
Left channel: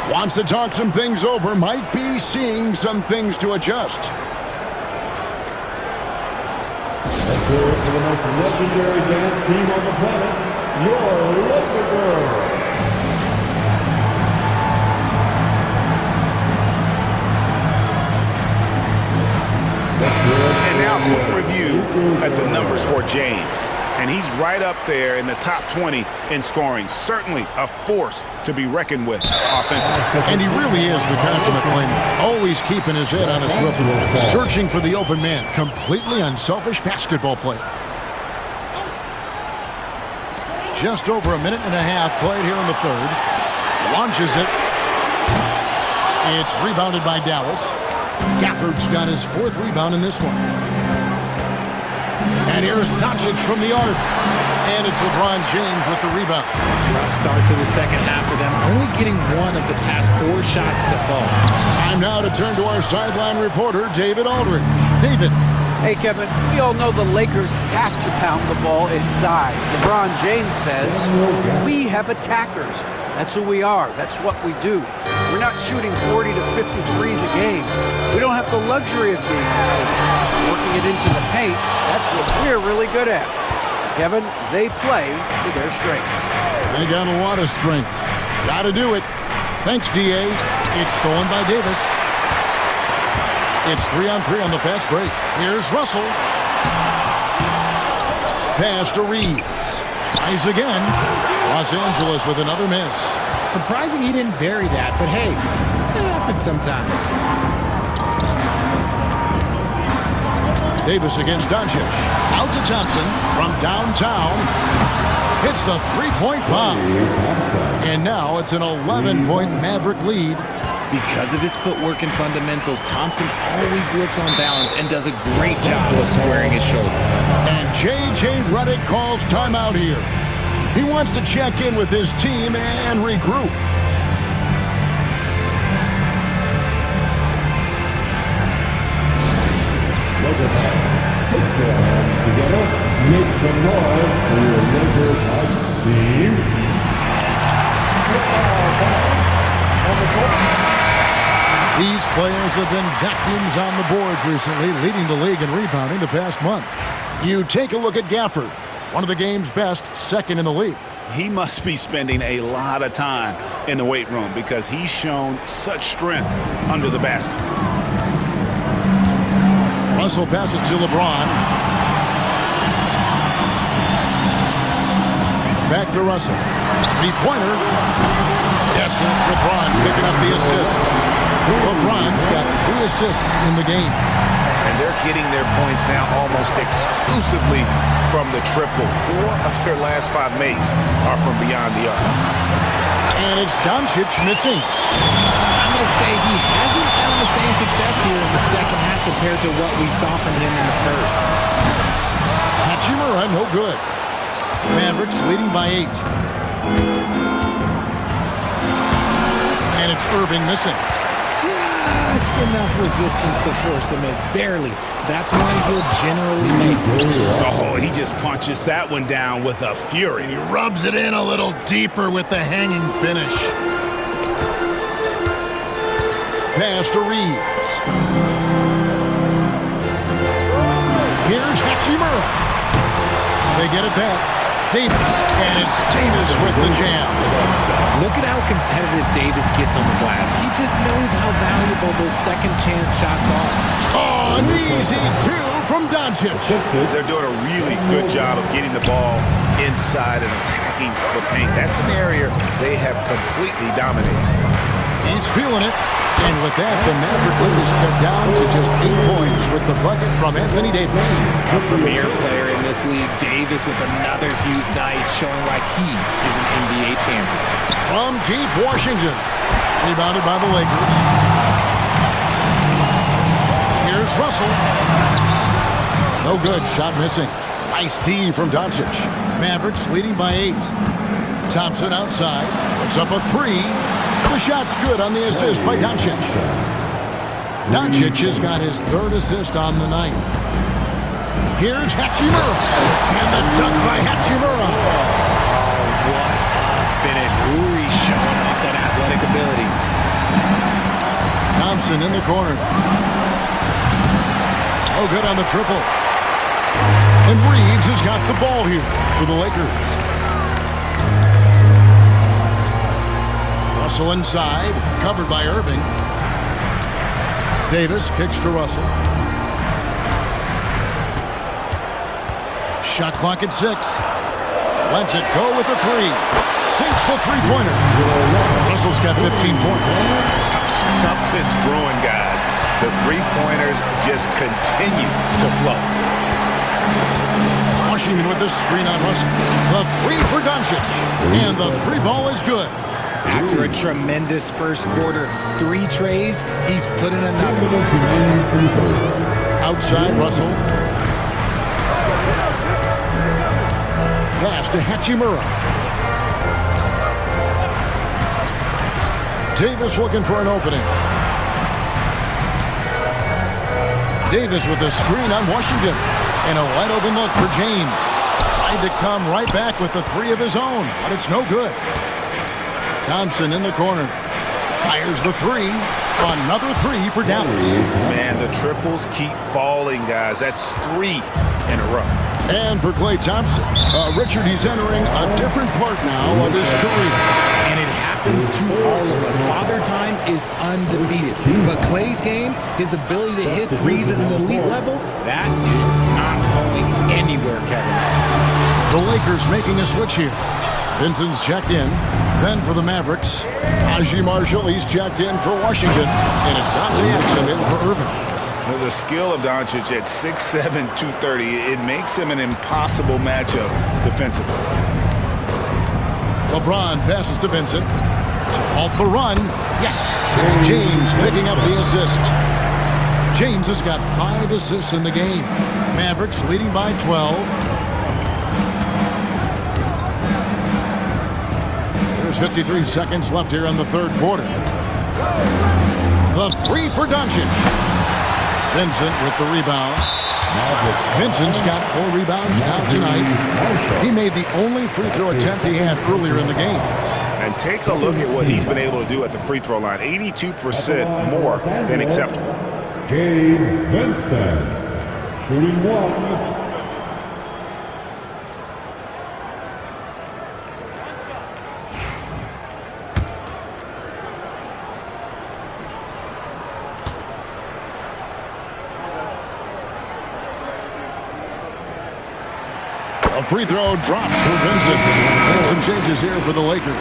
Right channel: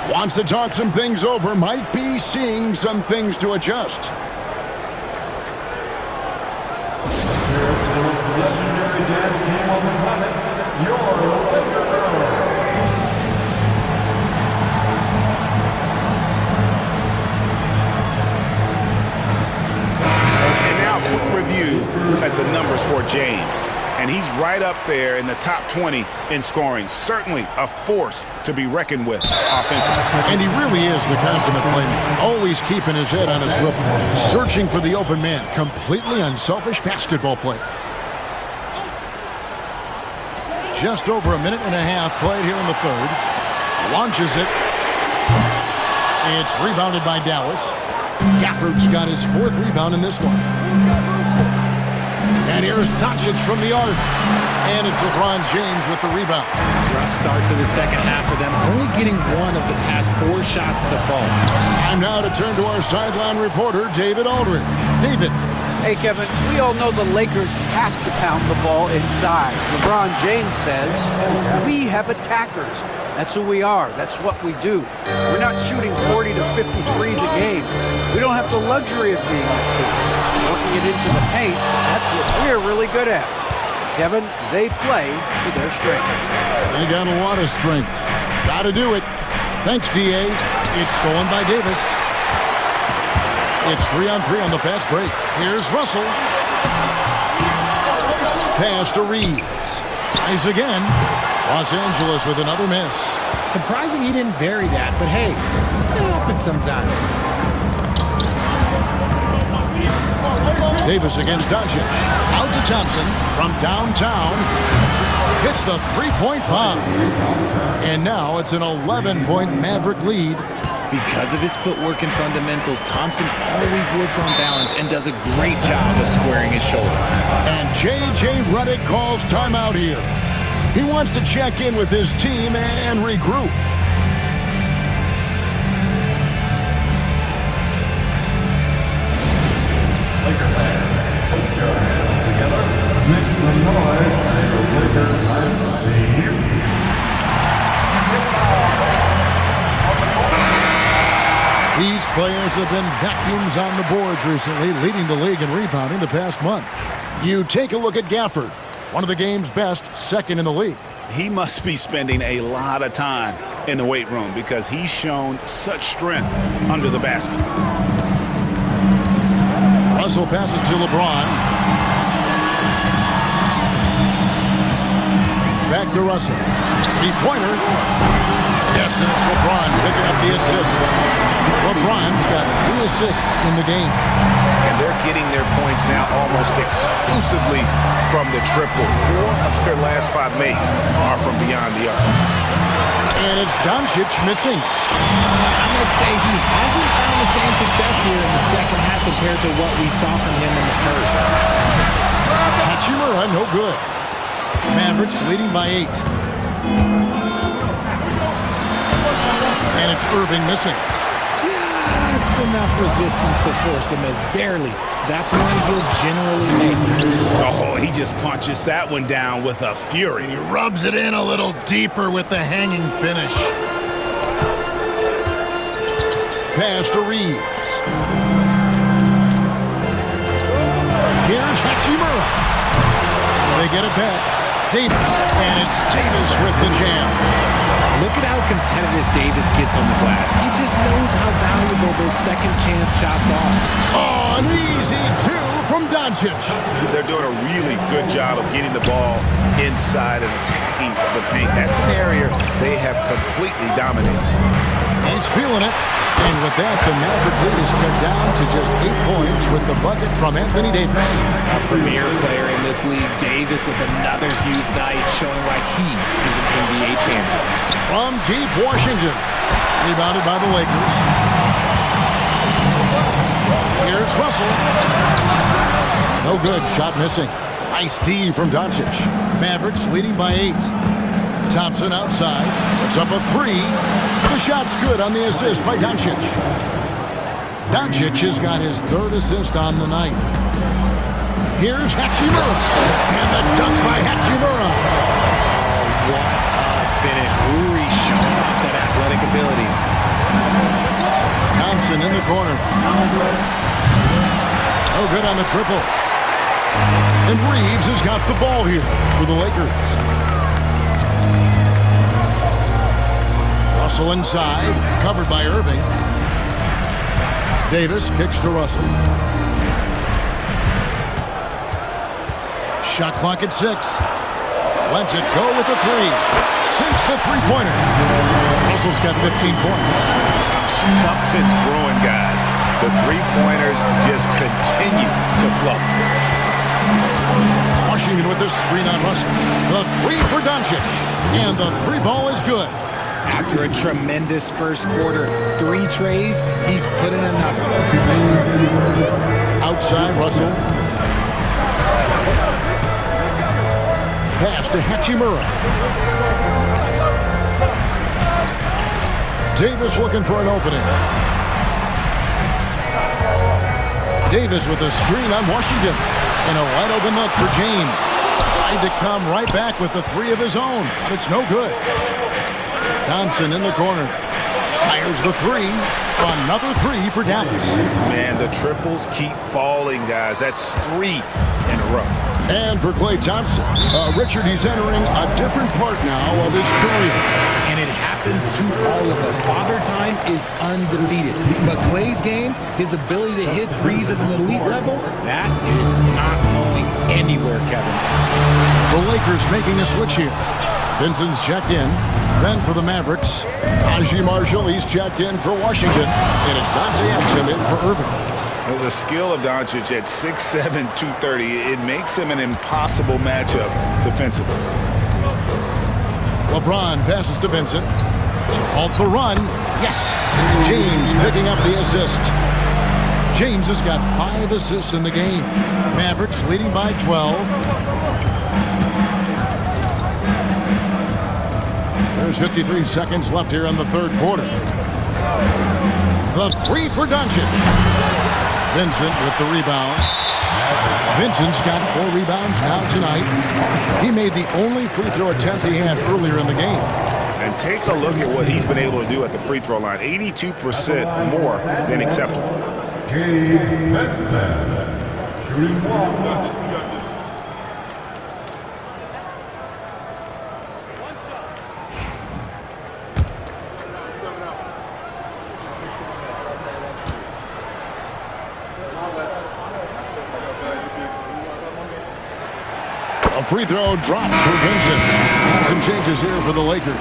Wants to talk some things over, might be seeing some things to adjust. Here for the most legendary dance team on the planet, your Laker Girls. And now a quick review at the numbers for James. And he's right up there in the top 20 in scoring. Certainly a force to be reckoned with offensively. And he really is the consummate playmaker. Always keeping his head on a swivel. Searching for the open man. Completely unselfish basketball player. Just over a minute and a half played here in the third. Launches it. It's rebounded by Dallas. Gafford's got his 4th rebound in this one. And here's Doncic from the arc. And it's LeBron James with the rebound. Rough start to the second half for them, only getting 1 of the past 4 shots to fall. Time now to turn to our sideline reporter, David Aldridge. David. Hey, Kevin, we all know the Lakers have to pound the ball inside. LeBron James says, we have attackers. That's who we are. That's what we do. We're not shooting 40 to 50 threes a game. We don't have the luxury of being that team. Working it into the paint, that's what we're really good at. Kevin, they play to their strengths. They got a lot of strength. Got to do it. Thanks, D.A. It's stolen by Davis. It's 3-on-3 on the fast break. Here's Russell. Pass to Reeves. Tries again. Los Angeles with another miss. Surprising he didn't bury that, but hey, it happens sometimes. Davis against Doncic. Out to Thompson from downtown. Hits the three-point bomb. And now it's an 11-point Maverick lead. Because of his footwork and fundamentals, Thompson always looks on balance and does a great job of squaring his shoulder. And J.J. Redick calls timeout here. He wants to check in with his team and regroup. Laker fans, put your hands together. Make some noise for your Lakers hype team. These players have been vacuums on the boards recently, leading the league in rebounding the past month. You take a look at Gafford, one of the game's best, second in the league. He must be spending a lot of time in the weight room because he's shown such strength under the basket. Russell passes to LeBron. Back to Russell. Three-pointer. Yes, and it's LeBron picking up the assist. LeBron's got 3 assists in the game. And they're getting their points now almost exclusively from the triple. 4 of their last 5 makes are from beyond the arc. And it's Doncic missing. I'm going to say he hasn't found the same success here in the second half compared to what we saw from him in the first. Hachimura, no good. Mavericks leading by 8. And it's Irving missing. Just enough resistance to force the miss. Barely. That's one he'll generally make. Oh, he just punches that one down with a fury. And he rubs it in a little deeper with the hanging finish. Pass to Reeves. Here's Hachimura. They get it back. Davis. And it's Davis with the jam. Look at how competitive Davis gets on the glass. He just knows how valuable those second chance shots are. Oh, an easy 2 from Doncic. They're doing a really good job of getting the ball inside and attacking the paint. That's an area they have completely dominated. He's feeling it. And with that, the Maverick lead is cut down to just 8 points with the bucket from Anthony Davis. A premier player in this league, Davis with another huge night showing why he is an NBA champion. From deep Washington, rebounded by the Lakers. Here's Russell. No good, shot missing. Nice D from Doncic. Mavericks leading by 8. Thompson outside, puts up a 3. The shot's good on the assist by Doncic. Doncic has got his 3rd assist on the night. Here's Hachimura. And the dunk by Hachimura. Oh, what a finish. Rui showing off that athletic ability. Thompson in the corner. Oh, good on the triple. And Reeves has got the ball here for the Lakers. Russell inside, covered by Irving. Davis kicks to Russell. Shot clock at 6. Lets it go with a 3. Sinks the three-pointer. Russell's got 15 points. Something's brewing, guys. The three-pointers just continue to flow. Washington with the screen on Russell. The 3 for Doncic. And the 3 ball is good. After a tremendous first quarter, 3 trays, he's put in another. Outside, Russell. Pass to Hachimura. Davis looking for an opening. Davis with a screen on Washington. And a wide open look for James. Tried to come right back with the 3 of his own, but it's no good. Thompson in the corner. Fires the 3. Another 3 for Dallas. Man, the triples keep falling, guys. That's 3 in a row. And for Klay Thompson, Richard, he's entering a different part now of his career. And it happens to all of us. Father Time is undefeated. But Klay's game, his ability to hit threes at an elite level, that is not going anywhere, Kevin. The Lakers making a switch here. Vincent's checked in. Then for the Mavericks, Najee Marshall, he's checked in for Washington. And it's Dante Exum in for Irving. The skill of Doncic at 6'7", 230, it makes him an impossible matchup defensively. LeBron passes to Vincent to halt the run. Yes, it's James picking up the assist. James has got 5 assists in the game. Mavericks leading by 12. There's 53 seconds left here in the third quarter. The 3 for Doncic. Vincent with the rebound. Vincent's got 4 rebounds now tonight. He made the only free throw attempt he had earlier in the game. And take a look at what he's been able to do at the free throw line. 82% more than acceptable. Gabe Vincent, shooting 1. A free throw dropped for Vincent. And some changes here for the Lakers.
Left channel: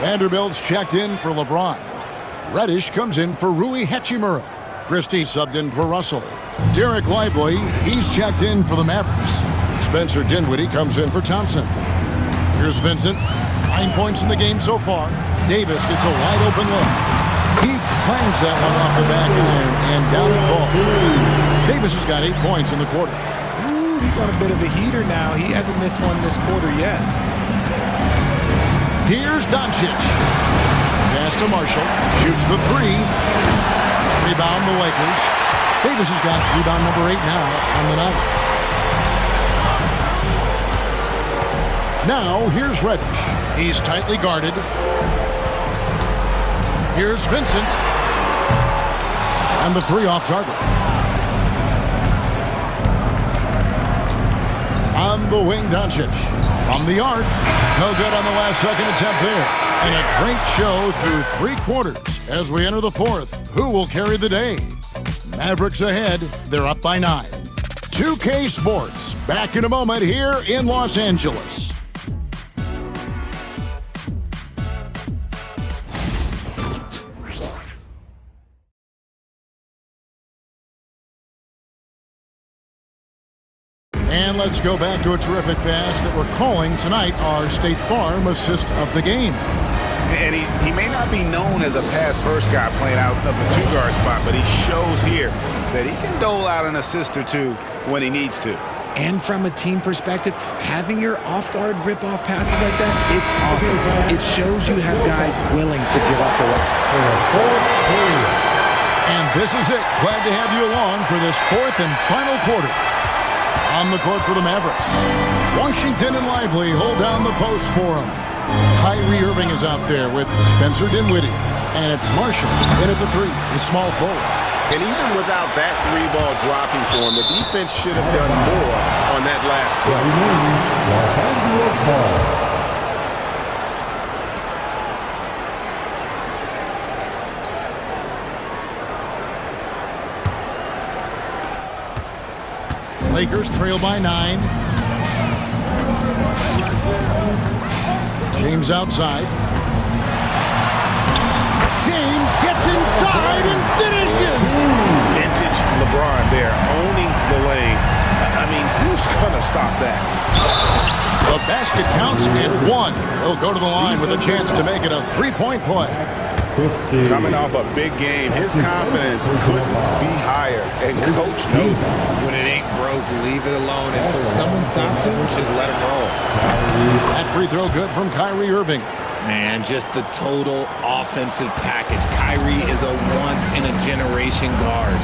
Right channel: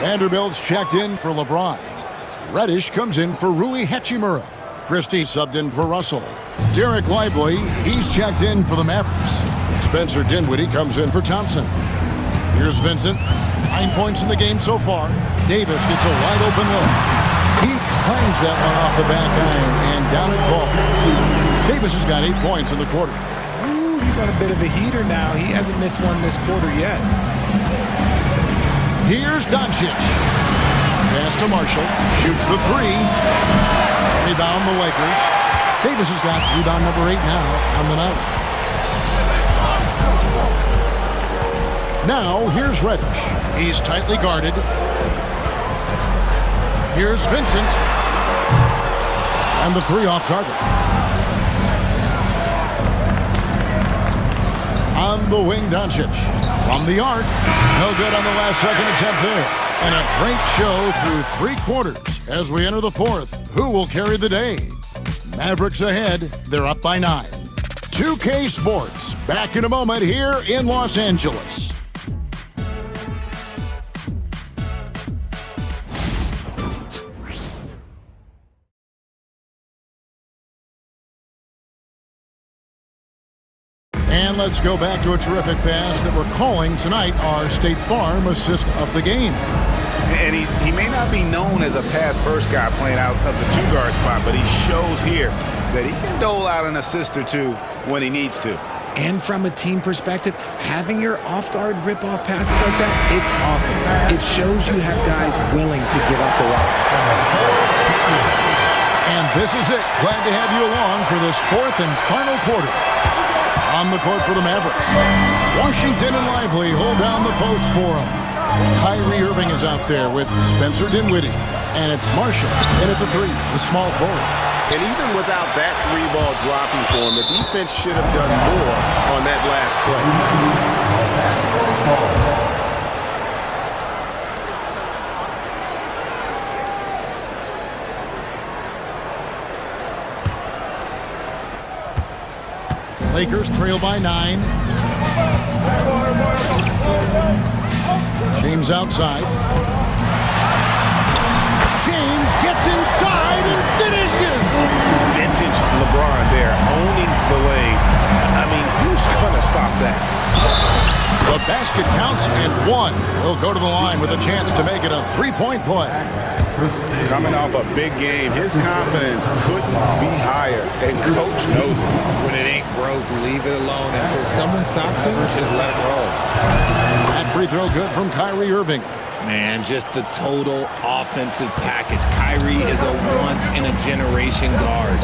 Vanderbilt's checked in for LeBron. Reddish comes in for Rui Hachimura. Christie subbed in for Russell. Derek Lively, he's checked in for the Mavericks. Spencer Dinwiddie comes in for Thompson. Here's Vincent. 9 points in the game so far. Davis gets a wide open look. He clangs that one off the back iron, and down it falls. Davis has got 8 points in the quarter. He's on a bit of a heater now. He hasn't missed one this quarter yet. Here's Doncic. Pass to Marshall. Shoots the 3. Rebound the Lakers. Davis has got rebound number 8 now on the night. Now here's Reddish. He's tightly guarded. Here's Vincent. And the 3 off target. On the wing, Doncic. From the arc. No good on the last second attempt there. And a great show through 3 quarters as we enter the 4th. Who will carry the day? Mavericks ahead. They're up by 9. 2K Sports. Back in a moment here in Los Angeles. And let's go back to a terrific pass that we're calling tonight our State Farm assist of the game. And he may not be known as a pass-first guy playing out of the 2-guard spot, but he shows here that he can dole out an assist or 2 when he needs to. And from a team perspective, having your off-guard rip-off passes like that, it's awesome. It shows you have guys willing to give up the rock. And this is it. Glad to have you along for this 4th and final quarter. On the court for the Mavericks. Washington and Lively hold down the post for him. Kyrie Irving is out there with Spencer Dinwiddie. And it's Marshall in at the 3, the small forward. And even without that 3-ball dropping for him, the defense should have done more on that last play. Lakers trail by 9. James outside. James gets inside and finishes. Vintage LeBron there, owning the lane. I mean, who's going to stop that? The basket counts and one. He'll go to the line with a chance to make it a three-point play. Coming off a big game, his confidence couldn't be higher, and coach knows it. When it ain't broke, leave it alone until someone stops him. Just let him roll. That free throw good from Kyrie Irving. Man, just the total offensive package. Kyrie is a once-in-a-generation guard.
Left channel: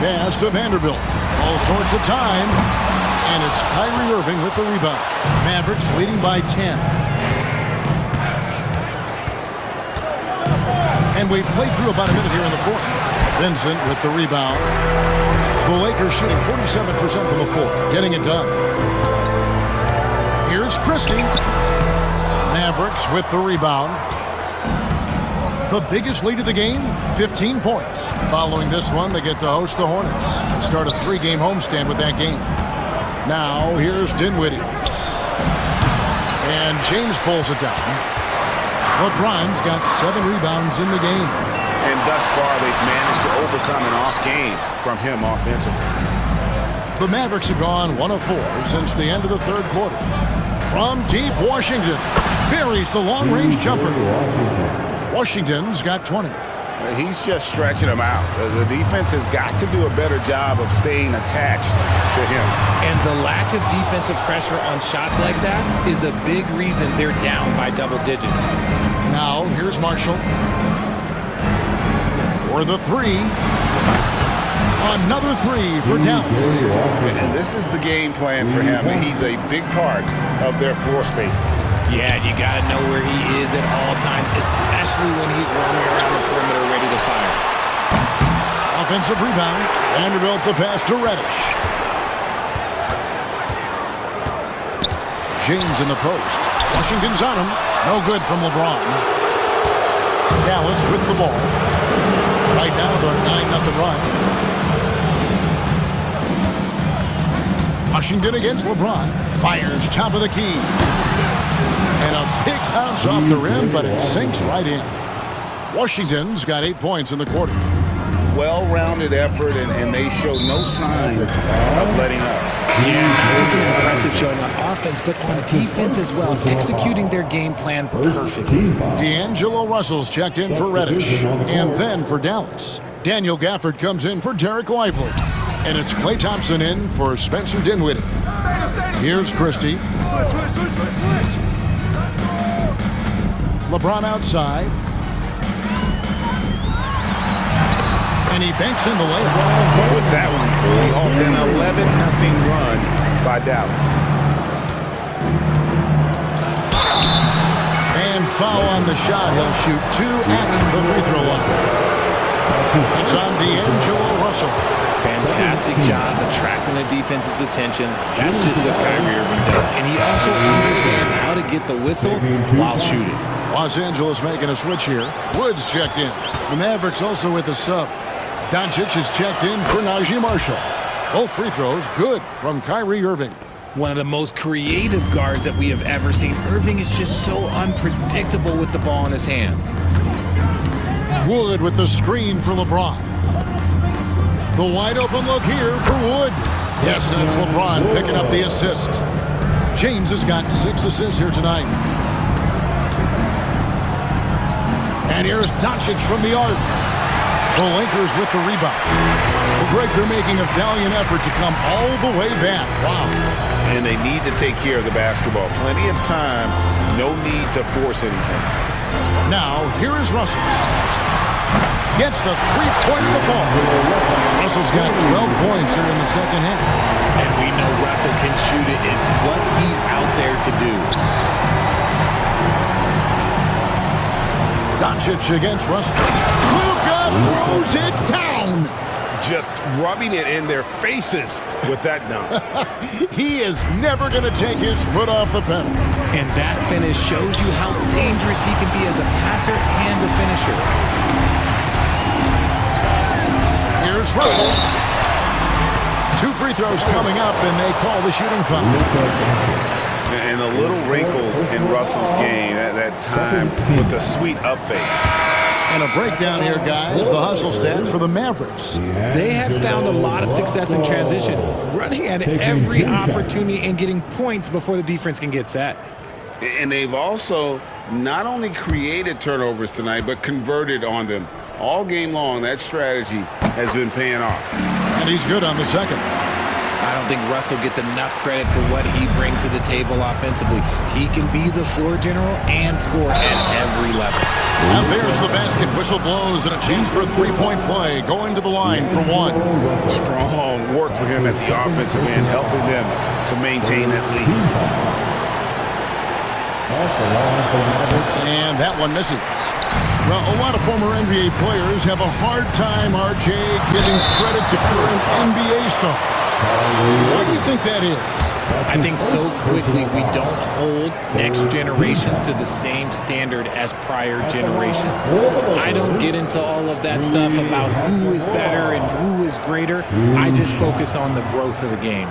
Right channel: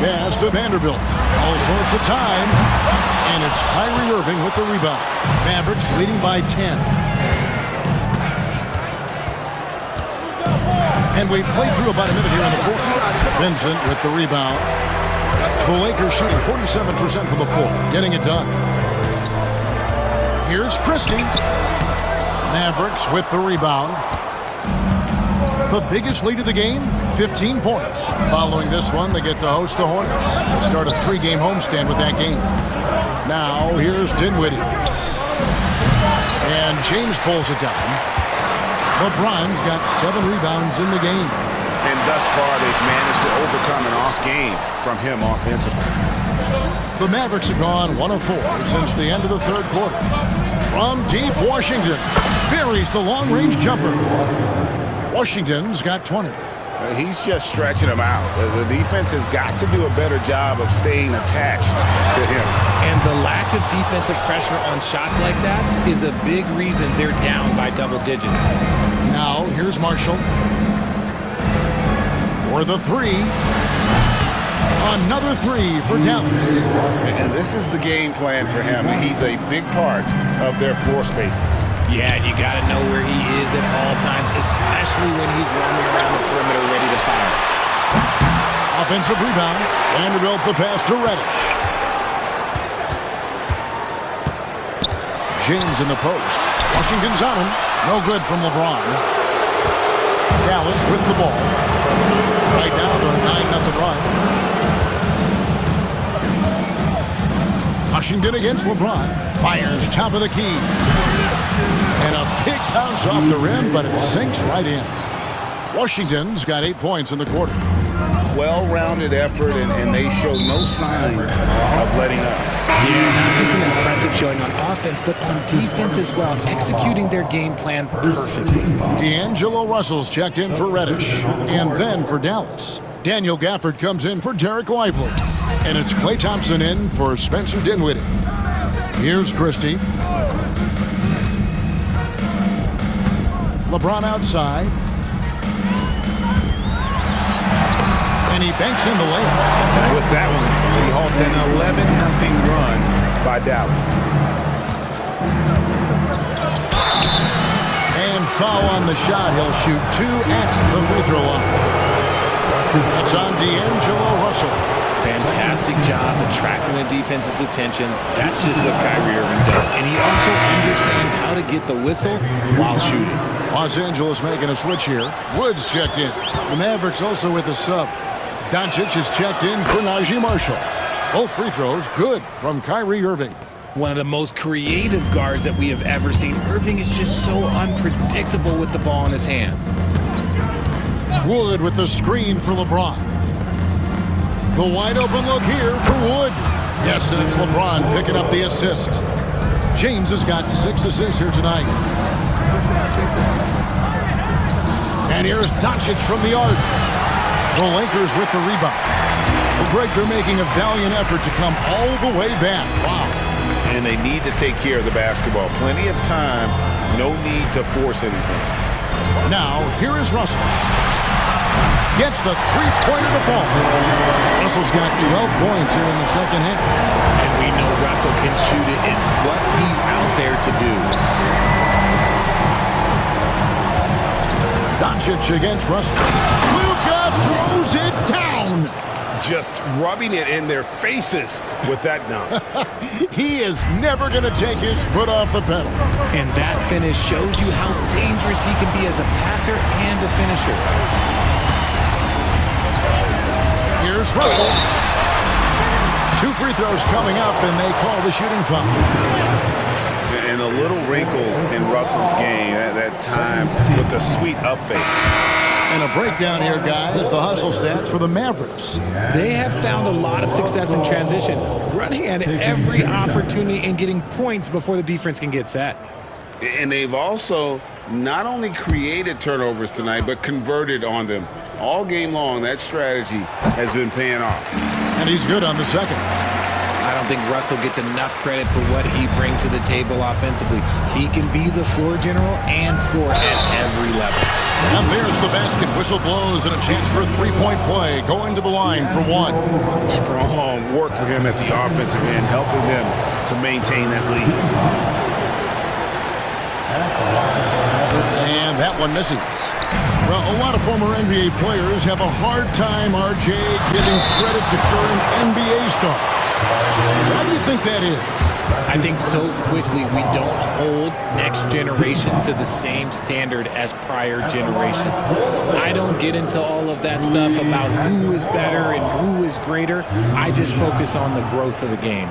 Pass to Vanderbilt. All sorts of time. And it's Kyrie Irving with the rebound. Mavericks leading by 10. And we've played through about a minute here in the fourth. Vincent with the rebound. The Lakers shooting 47% from the floor, getting it done. Here's Christie. Mavericks with the rebound. The biggest lead of the game, 15 points. Following this one, they get to host the Hornets. They start a 3-game homestand with that game. Now, here's Dinwiddie. And James pulls it down. LeBron's got 7 rebounds in the game. And thus far, they've managed to overcome an off game from him offensively. The Mavericks have gone 1 of 4 since the end of the third quarter. From deep, Washington buries the long-range jumper. Washington's got 20. He's just stretching them out. The defense has got to do a better job of staying attached to him. And the lack of defensive pressure on shots like that is a big reason they're down by double digits. Now, here's Marshall. For the 3. Another 3 for Dallas. And this is the game plan for him. He's a big part of their floor spacing. Yeah, and you got to know where he is at all times, especially when he's roaming around the perimeter ready to fire. Offensive rebound. Vanderbilt the pass to Reddish. James in the post. Washington's on him. No good from LeBron. Dallas with the ball. Right now, they're 9-0 run. Washington against LeBron. Fires top of the key. And a big bounce off the rim, but it sinks right in. Washington's got 8 points in the quarter. Well-rounded effort, and they show no signs of letting up. Yeah, not just an impressive showing on offense, but on defense as well, executing their game plan perfectly. D'Angelo Russell's checked in for Reddish, and then for Dallas. Daniel Gafford comes in for Derek Lively, and it's Klay Thompson in for Spencer Dinwiddie. Here's Christie. LeBron outside. And he banks in the layup. With that one, he halts an 11-0 run by Dallas. And foul on the shot. He'll shoot 2 at the free throw line. That's on D'Angelo Russell. Fantastic job attracting the defense's attention. That's just what Kyrie Irving does. And he also understands how to get the whistle while shooting. Los Angeles making a switch here. Woods checked in. The Mavericks also with a sub. Doncic is checked in for Najee Marshall. Both free throws good from Kyrie Irving. One of the most creative guards that we have ever seen. Irving is just so unpredictable with the ball in his hands. Wood with the screen for LeBron. The wide open look here for Wood. Yes, and it's LeBron picking up the assist. James has got 6 assists here tonight. And here's Doncic from the arc. The Lakers with the rebound. Well, Greg, they're making a valiant effort to come all the way back. Wow. And they need to take care of the basketball. Plenty of time. No need to force anything. Now, here is Russell. Gets the three-pointer to fall. Russell's got 12 points here in the second half. And we know Russell can shoot it. It's what he's out there to do. Doncic against Russell. Luka throws it down. Just rubbing it in their faces with that dunk. He is never going to take his foot off the pedal. And that finish shows you how dangerous he can be as a passer and a finisher. Here's Russell. 2 free throws coming up, and they call the shooting foul. And the little wrinkles in Russell's game, that time with the sweet up fake. And a breakdown here, guys. The hustle stats for the Mavericks. They have found a lot of success in transition, running at every opportunity and getting points before the defense can get set. And they've also not only created turnovers tonight, but converted on them. All game long, that strategy has been paying off. And he's good on the second. I don't think Russell gets enough credit for what he brings to the table offensively. He can be the floor general and score at every level. And there's the basket. Whistle blows and a chance for a three-point play. Going to the line for one. Strong work for him at the offensive end, helping them to maintain that lead. And that one misses. Well, a lot of former NBA players have a hard time, RJ, giving credit to current NBA stars. Why do you think that is? I think so quickly we don't hold next generations to the same standard as prior generations. I don't get into all of that stuff about who is better and who is greater. I just focus on the growth of the game.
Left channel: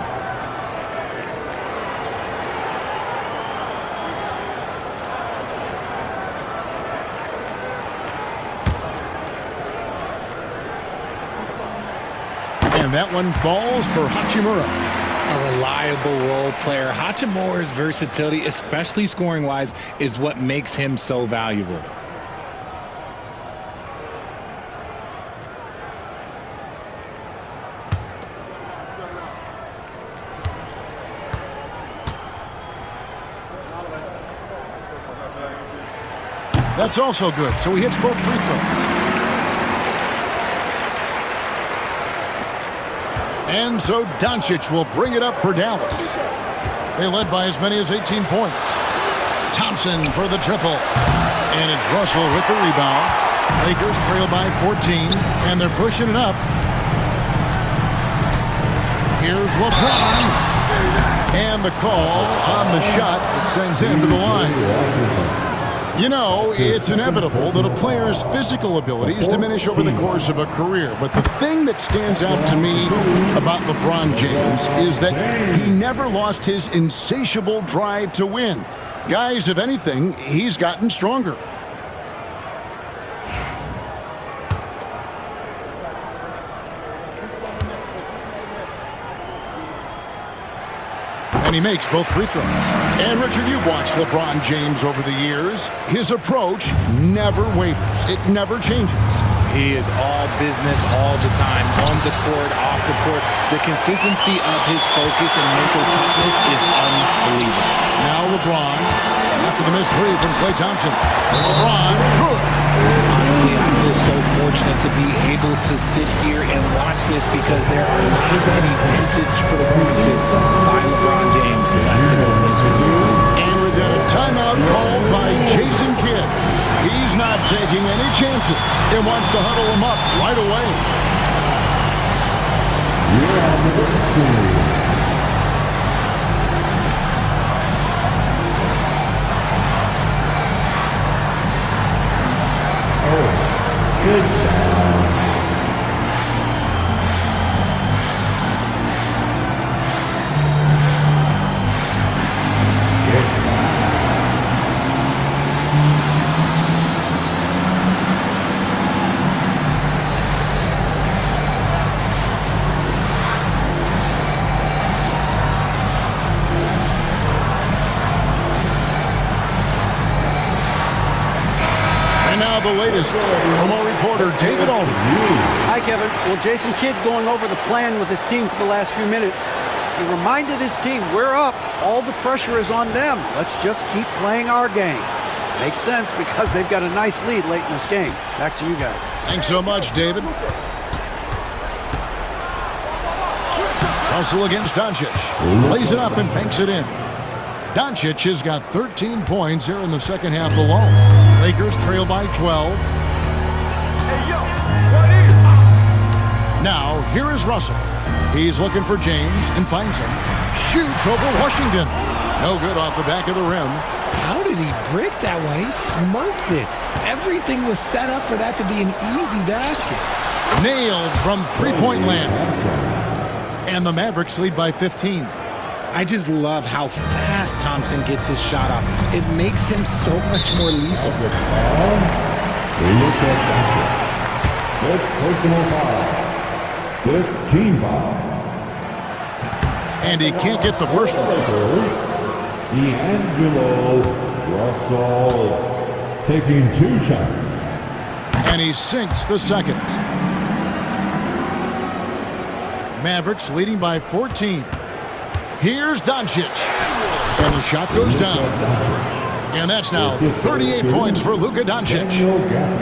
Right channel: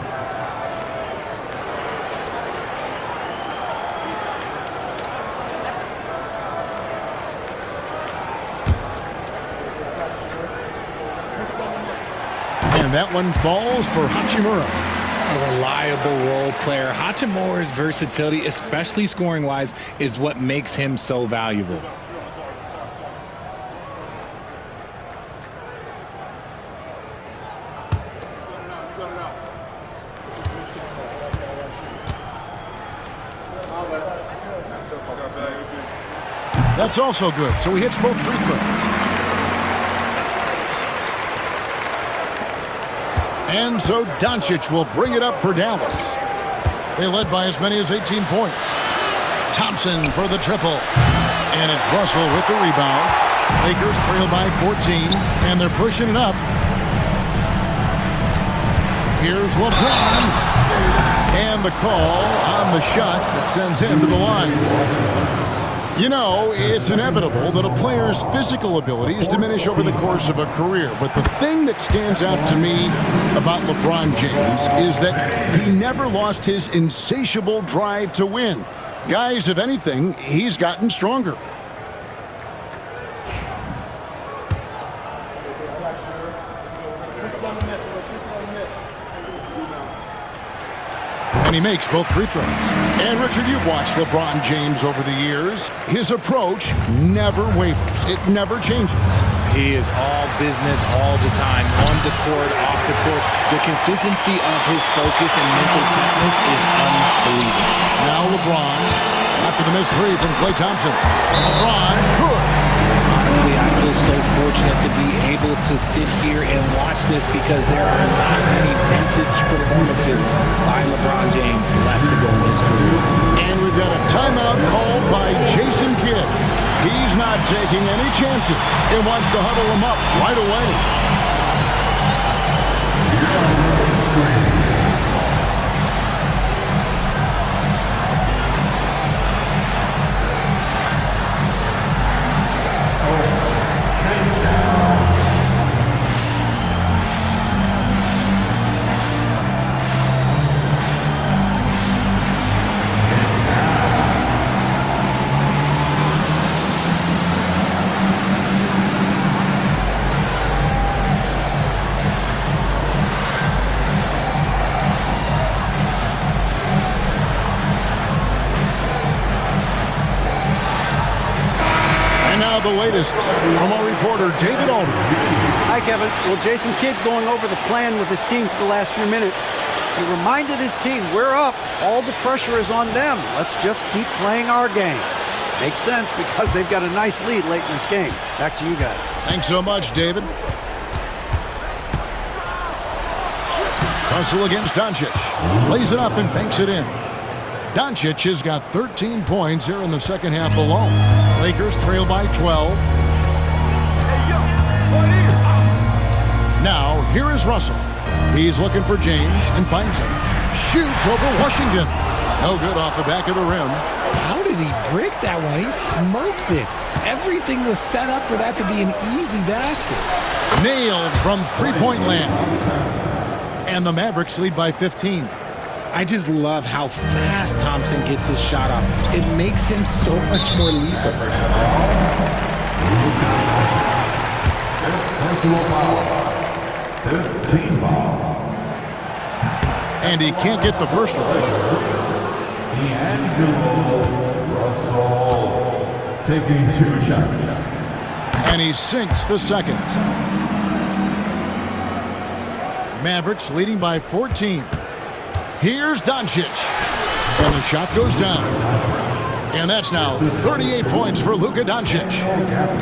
And that one falls for Hachimura. A reliable role player. Hachimura's versatility, especially scoring-wise, is what makes him so valuable. That's also good, so he hits both free throws. And so Doncic will bring it up for Dallas. They led by as many as 18 points. Thompson for the triple. And it's Russell with the rebound. Lakers trail by 14, and they're pushing it up. Here's LeBron. And the call on the shot that sends him to the line. You know, it's inevitable that a player's physical abilities diminish over the course of a career. But the thing that stands out to me about LeBron James is that he never lost his insatiable drive to win. Guys, if anything, he's gotten stronger. And he makes both free throws. And Richard, you've watched LeBron James over the years. His approach never wavers. It never changes. He is all business all the time, on the court, off the court. The consistency of his focus and mental toughness is unbelievable. Now LeBron, after the missed three from Klay Thompson. LeBron, good. Honestly, I feel so fortunate to be able to sit here and watch this because there are not many vintage performances by LeBron James left to go in his career. And we've got a timeout called by Jason Kidd. He's not taking any chances and wants to huddle him up right away. And now the latest from our reporter, David Alden. Hi, Kevin. Well, Jason Kidd going over the plan with his team for the last few minutes. He reminded his team, we're up. All the pressure is on them. Let's just keep playing our game. Makes sense because they've got a nice lead late in this game. Back to you guys. Thanks so much, David. Russell against Doncic. Lays it up and banks it in. Doncic has got 13 points here in the second half alone. Lakers trail by 12. Now, here is Russell. He's looking for James and finds him. Shoots over Washington. No good off the back of the rim. How did he brick that one? He smoked it. Everything was set up for that to be an easy basket. Nailed from three-point land. And the Mavericks lead by 15. I just love how fast Thompson gets his shot off. It makes him so much more lethal. Luka Doncic. Fifth personal foul. Fifth team foul. And he can't get the first one. D'Angelo Russell taking 2 shots. And he sinks the second. Mavericks leading by 14. Here's Doncic. And the shot goes down. And that's now 38 points for Luka Doncic.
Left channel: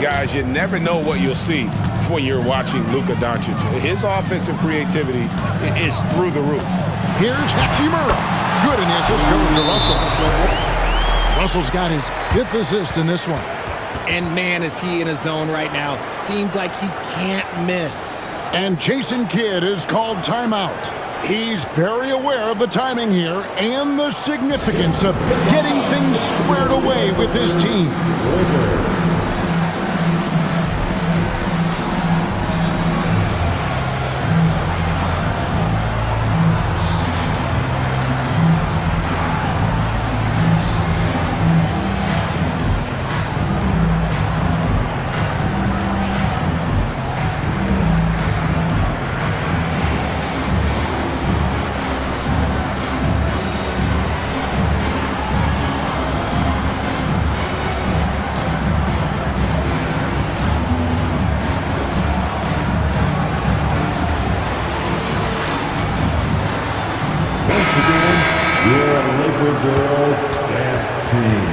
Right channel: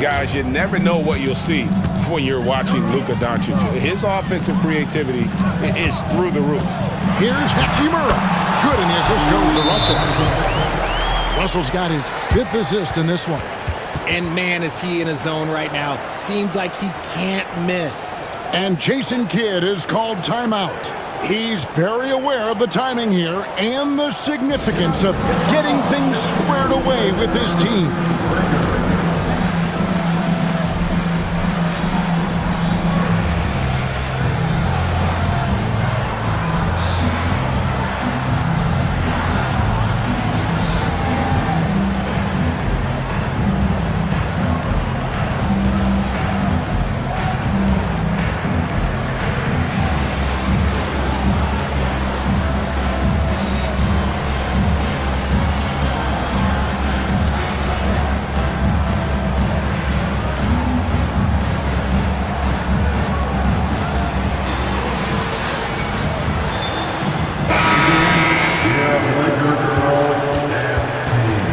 Guys, you never know what you'll see when you're watching Luka Doncic. His offensive creativity is through the roof. Here's Hachimura. Good, and the assist goes to Russell. Russell's got his 5th assist in this one. And man, is he in a zone right now. Seems like he can't miss. And Jason Kidd is called timeout. He's very aware of the timing here and the significance of getting things squared away with his team. Your Laker girls dance team.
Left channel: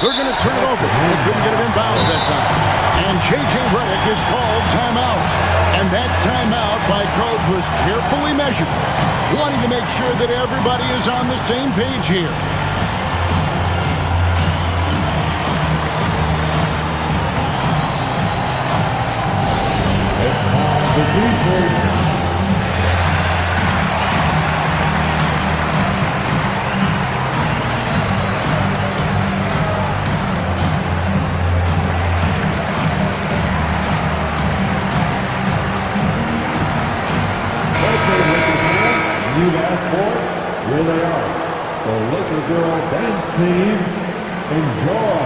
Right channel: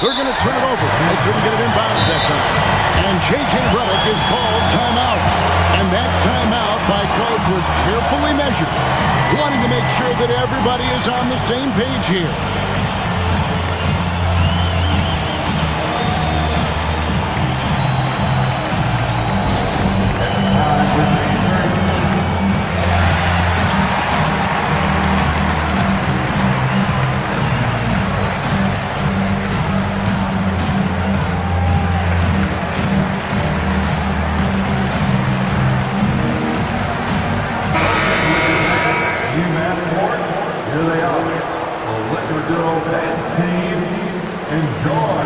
They're going to turn it over. They couldn't get it in bounds that time. And J.J. Redick is called timeout. And that timeout by coach was carefully measured, wanting to make sure that everybody is on the same page here. It's time for T-shirts. You've asked for it, here they are. The Liquor Girl Dance Team. Enjoy.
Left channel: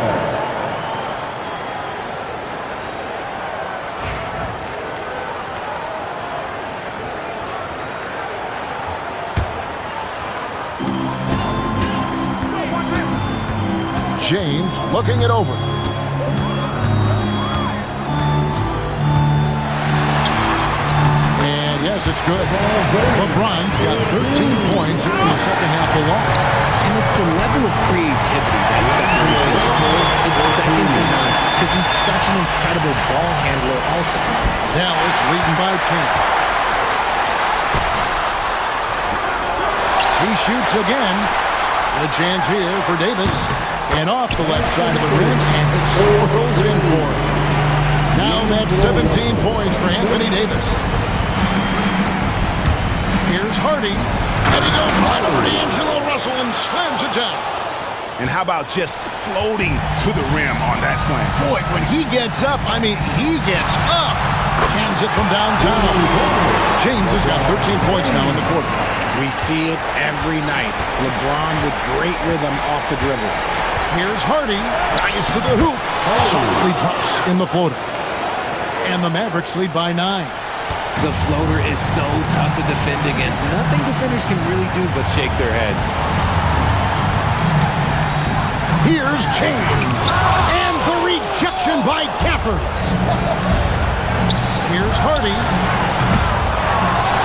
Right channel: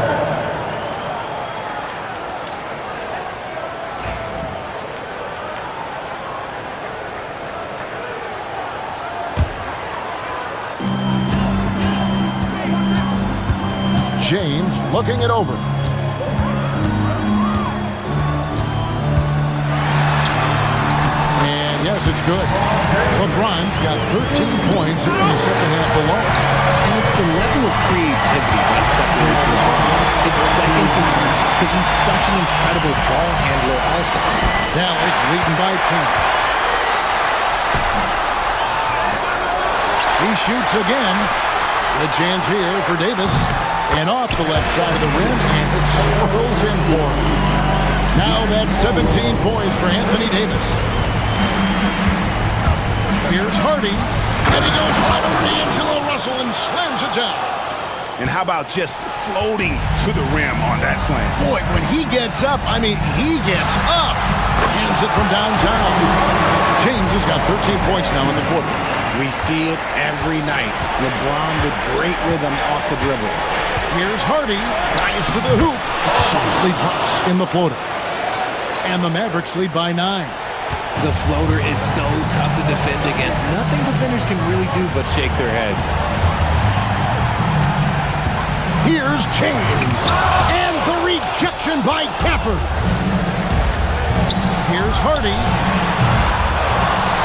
James looking it over. And yes, it's good. LeBron's got 13 points here in the second half alone. And it's the level of creativity that separates LeBron. It's second to none because he's such an incredible ball handler also. Dallas leading by 10. He shoots again. The chance here for Davis. And off the left side of the rim, and it swirls in for him. Now that's 17 points for Anthony Davis. Here's Hardy, and he goes right over to D'Angelo Russell and slams it down. And how about just floating to the rim on that slam? Boy, when he gets up, I mean, he gets up. Hands it from downtown. James has got 13 points now in the quarter. We see it every night. LeBron with great rhythm off the dribble. Here's Hardy, drives to the hoop, softly drops in the floater. And the Mavericks lead by 9. The floater is so tough to defend against. Nothing defenders can really do but shake their heads. Here's James, and the rejection by Gafford. Here's Hardy.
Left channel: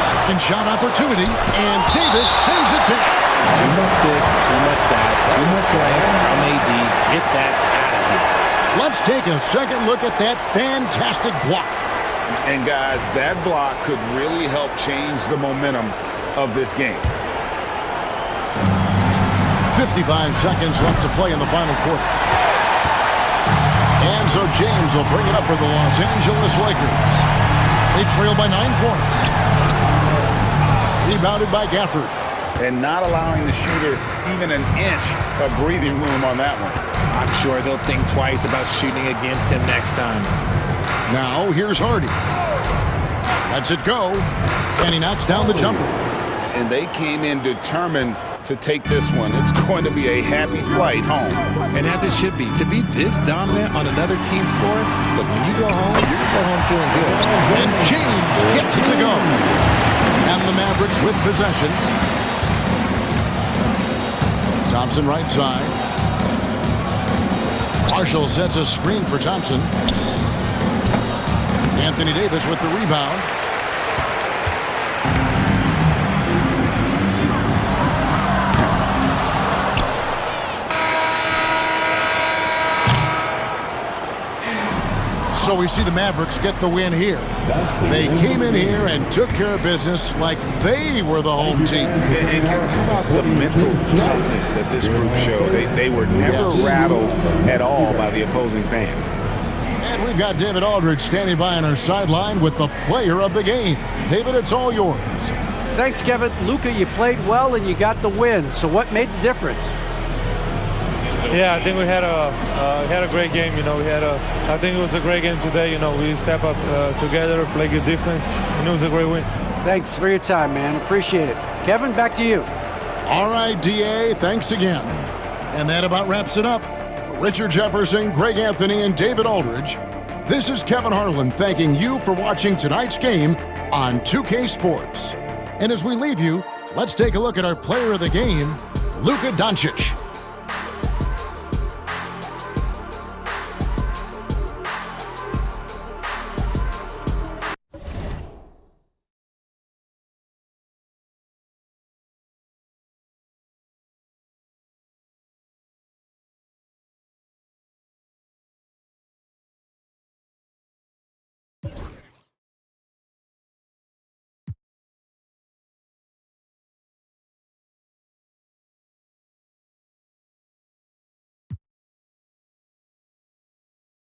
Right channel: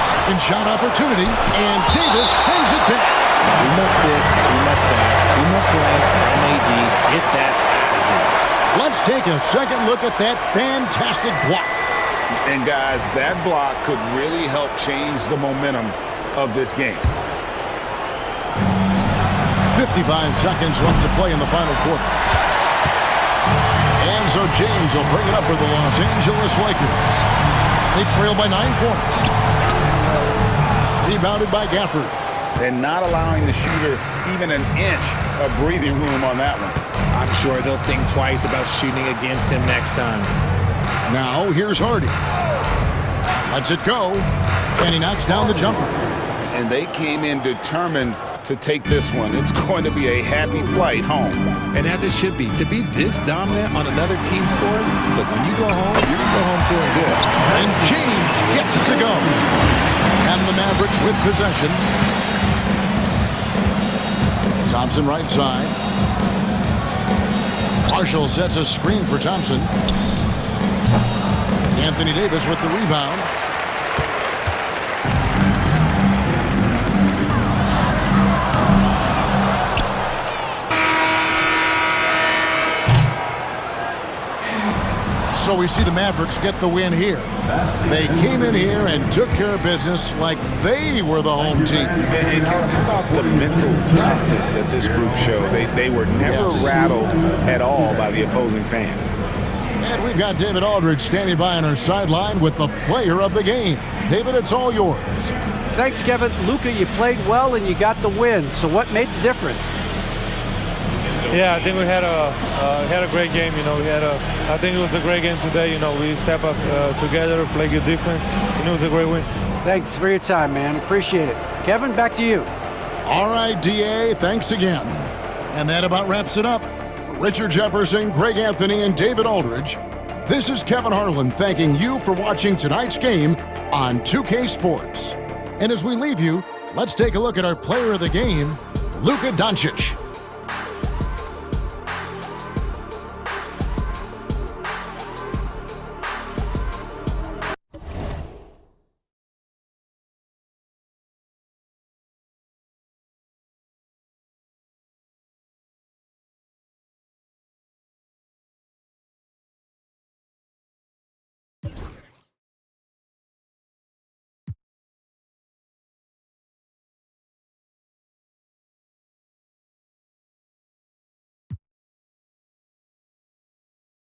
Second shot opportunity, and Davis sends it back. Too much this, too much that, too much length from AD. Get that out of here. Let's take a second look at that fantastic block. And guys, that block could really help change the momentum of this game. 55 seconds left to play in the final quarter. And so James will bring it up for the Los Angeles Lakers. They trail by 9 points. Rebounded by Gafford. And not allowing the shooter even an inch of breathing room on that one. I'm sure they'll think twice about shooting against him next time. Now here's Hardy. Lets it go. And he knocks down the jumper. And they came in determined to take this one. It's going to be a happy flight home. And as it should be, to be this dominant on another team's floor, look, when you go home, you're going to go home feeling good. And James gets it to go. And the Mavericks with possession. Thompson right side. Marshall sets a screen for Thompson. Anthony Davis with the rebound. So we see the Mavericks get the win here. They came in here and took care of business like they were the home team. And Kevin, how about the mental toughness that this group showed? They were never rattled at all by the opposing fans. And we've got David Aldridge standing by on our sideline with the player of the game. David, it's all yours. Thanks, Kevin. Luka, you played well and you got the win. So what made the difference? Yeah, I think we had a great game. I think it was a great game today. We step up together, play good defense, and it was a great win. Thanks for your time, man. Appreciate it. Kevin, back to you. All right, DA, thanks again. And that about wraps it up. For Richard Jefferson, Greg Anthony, and David Aldridge, this is Kevin Harlan thanking you for watching tonight's game on 2K Sports. And as we leave you, let's take a look at our player of the game, Luka Doncic.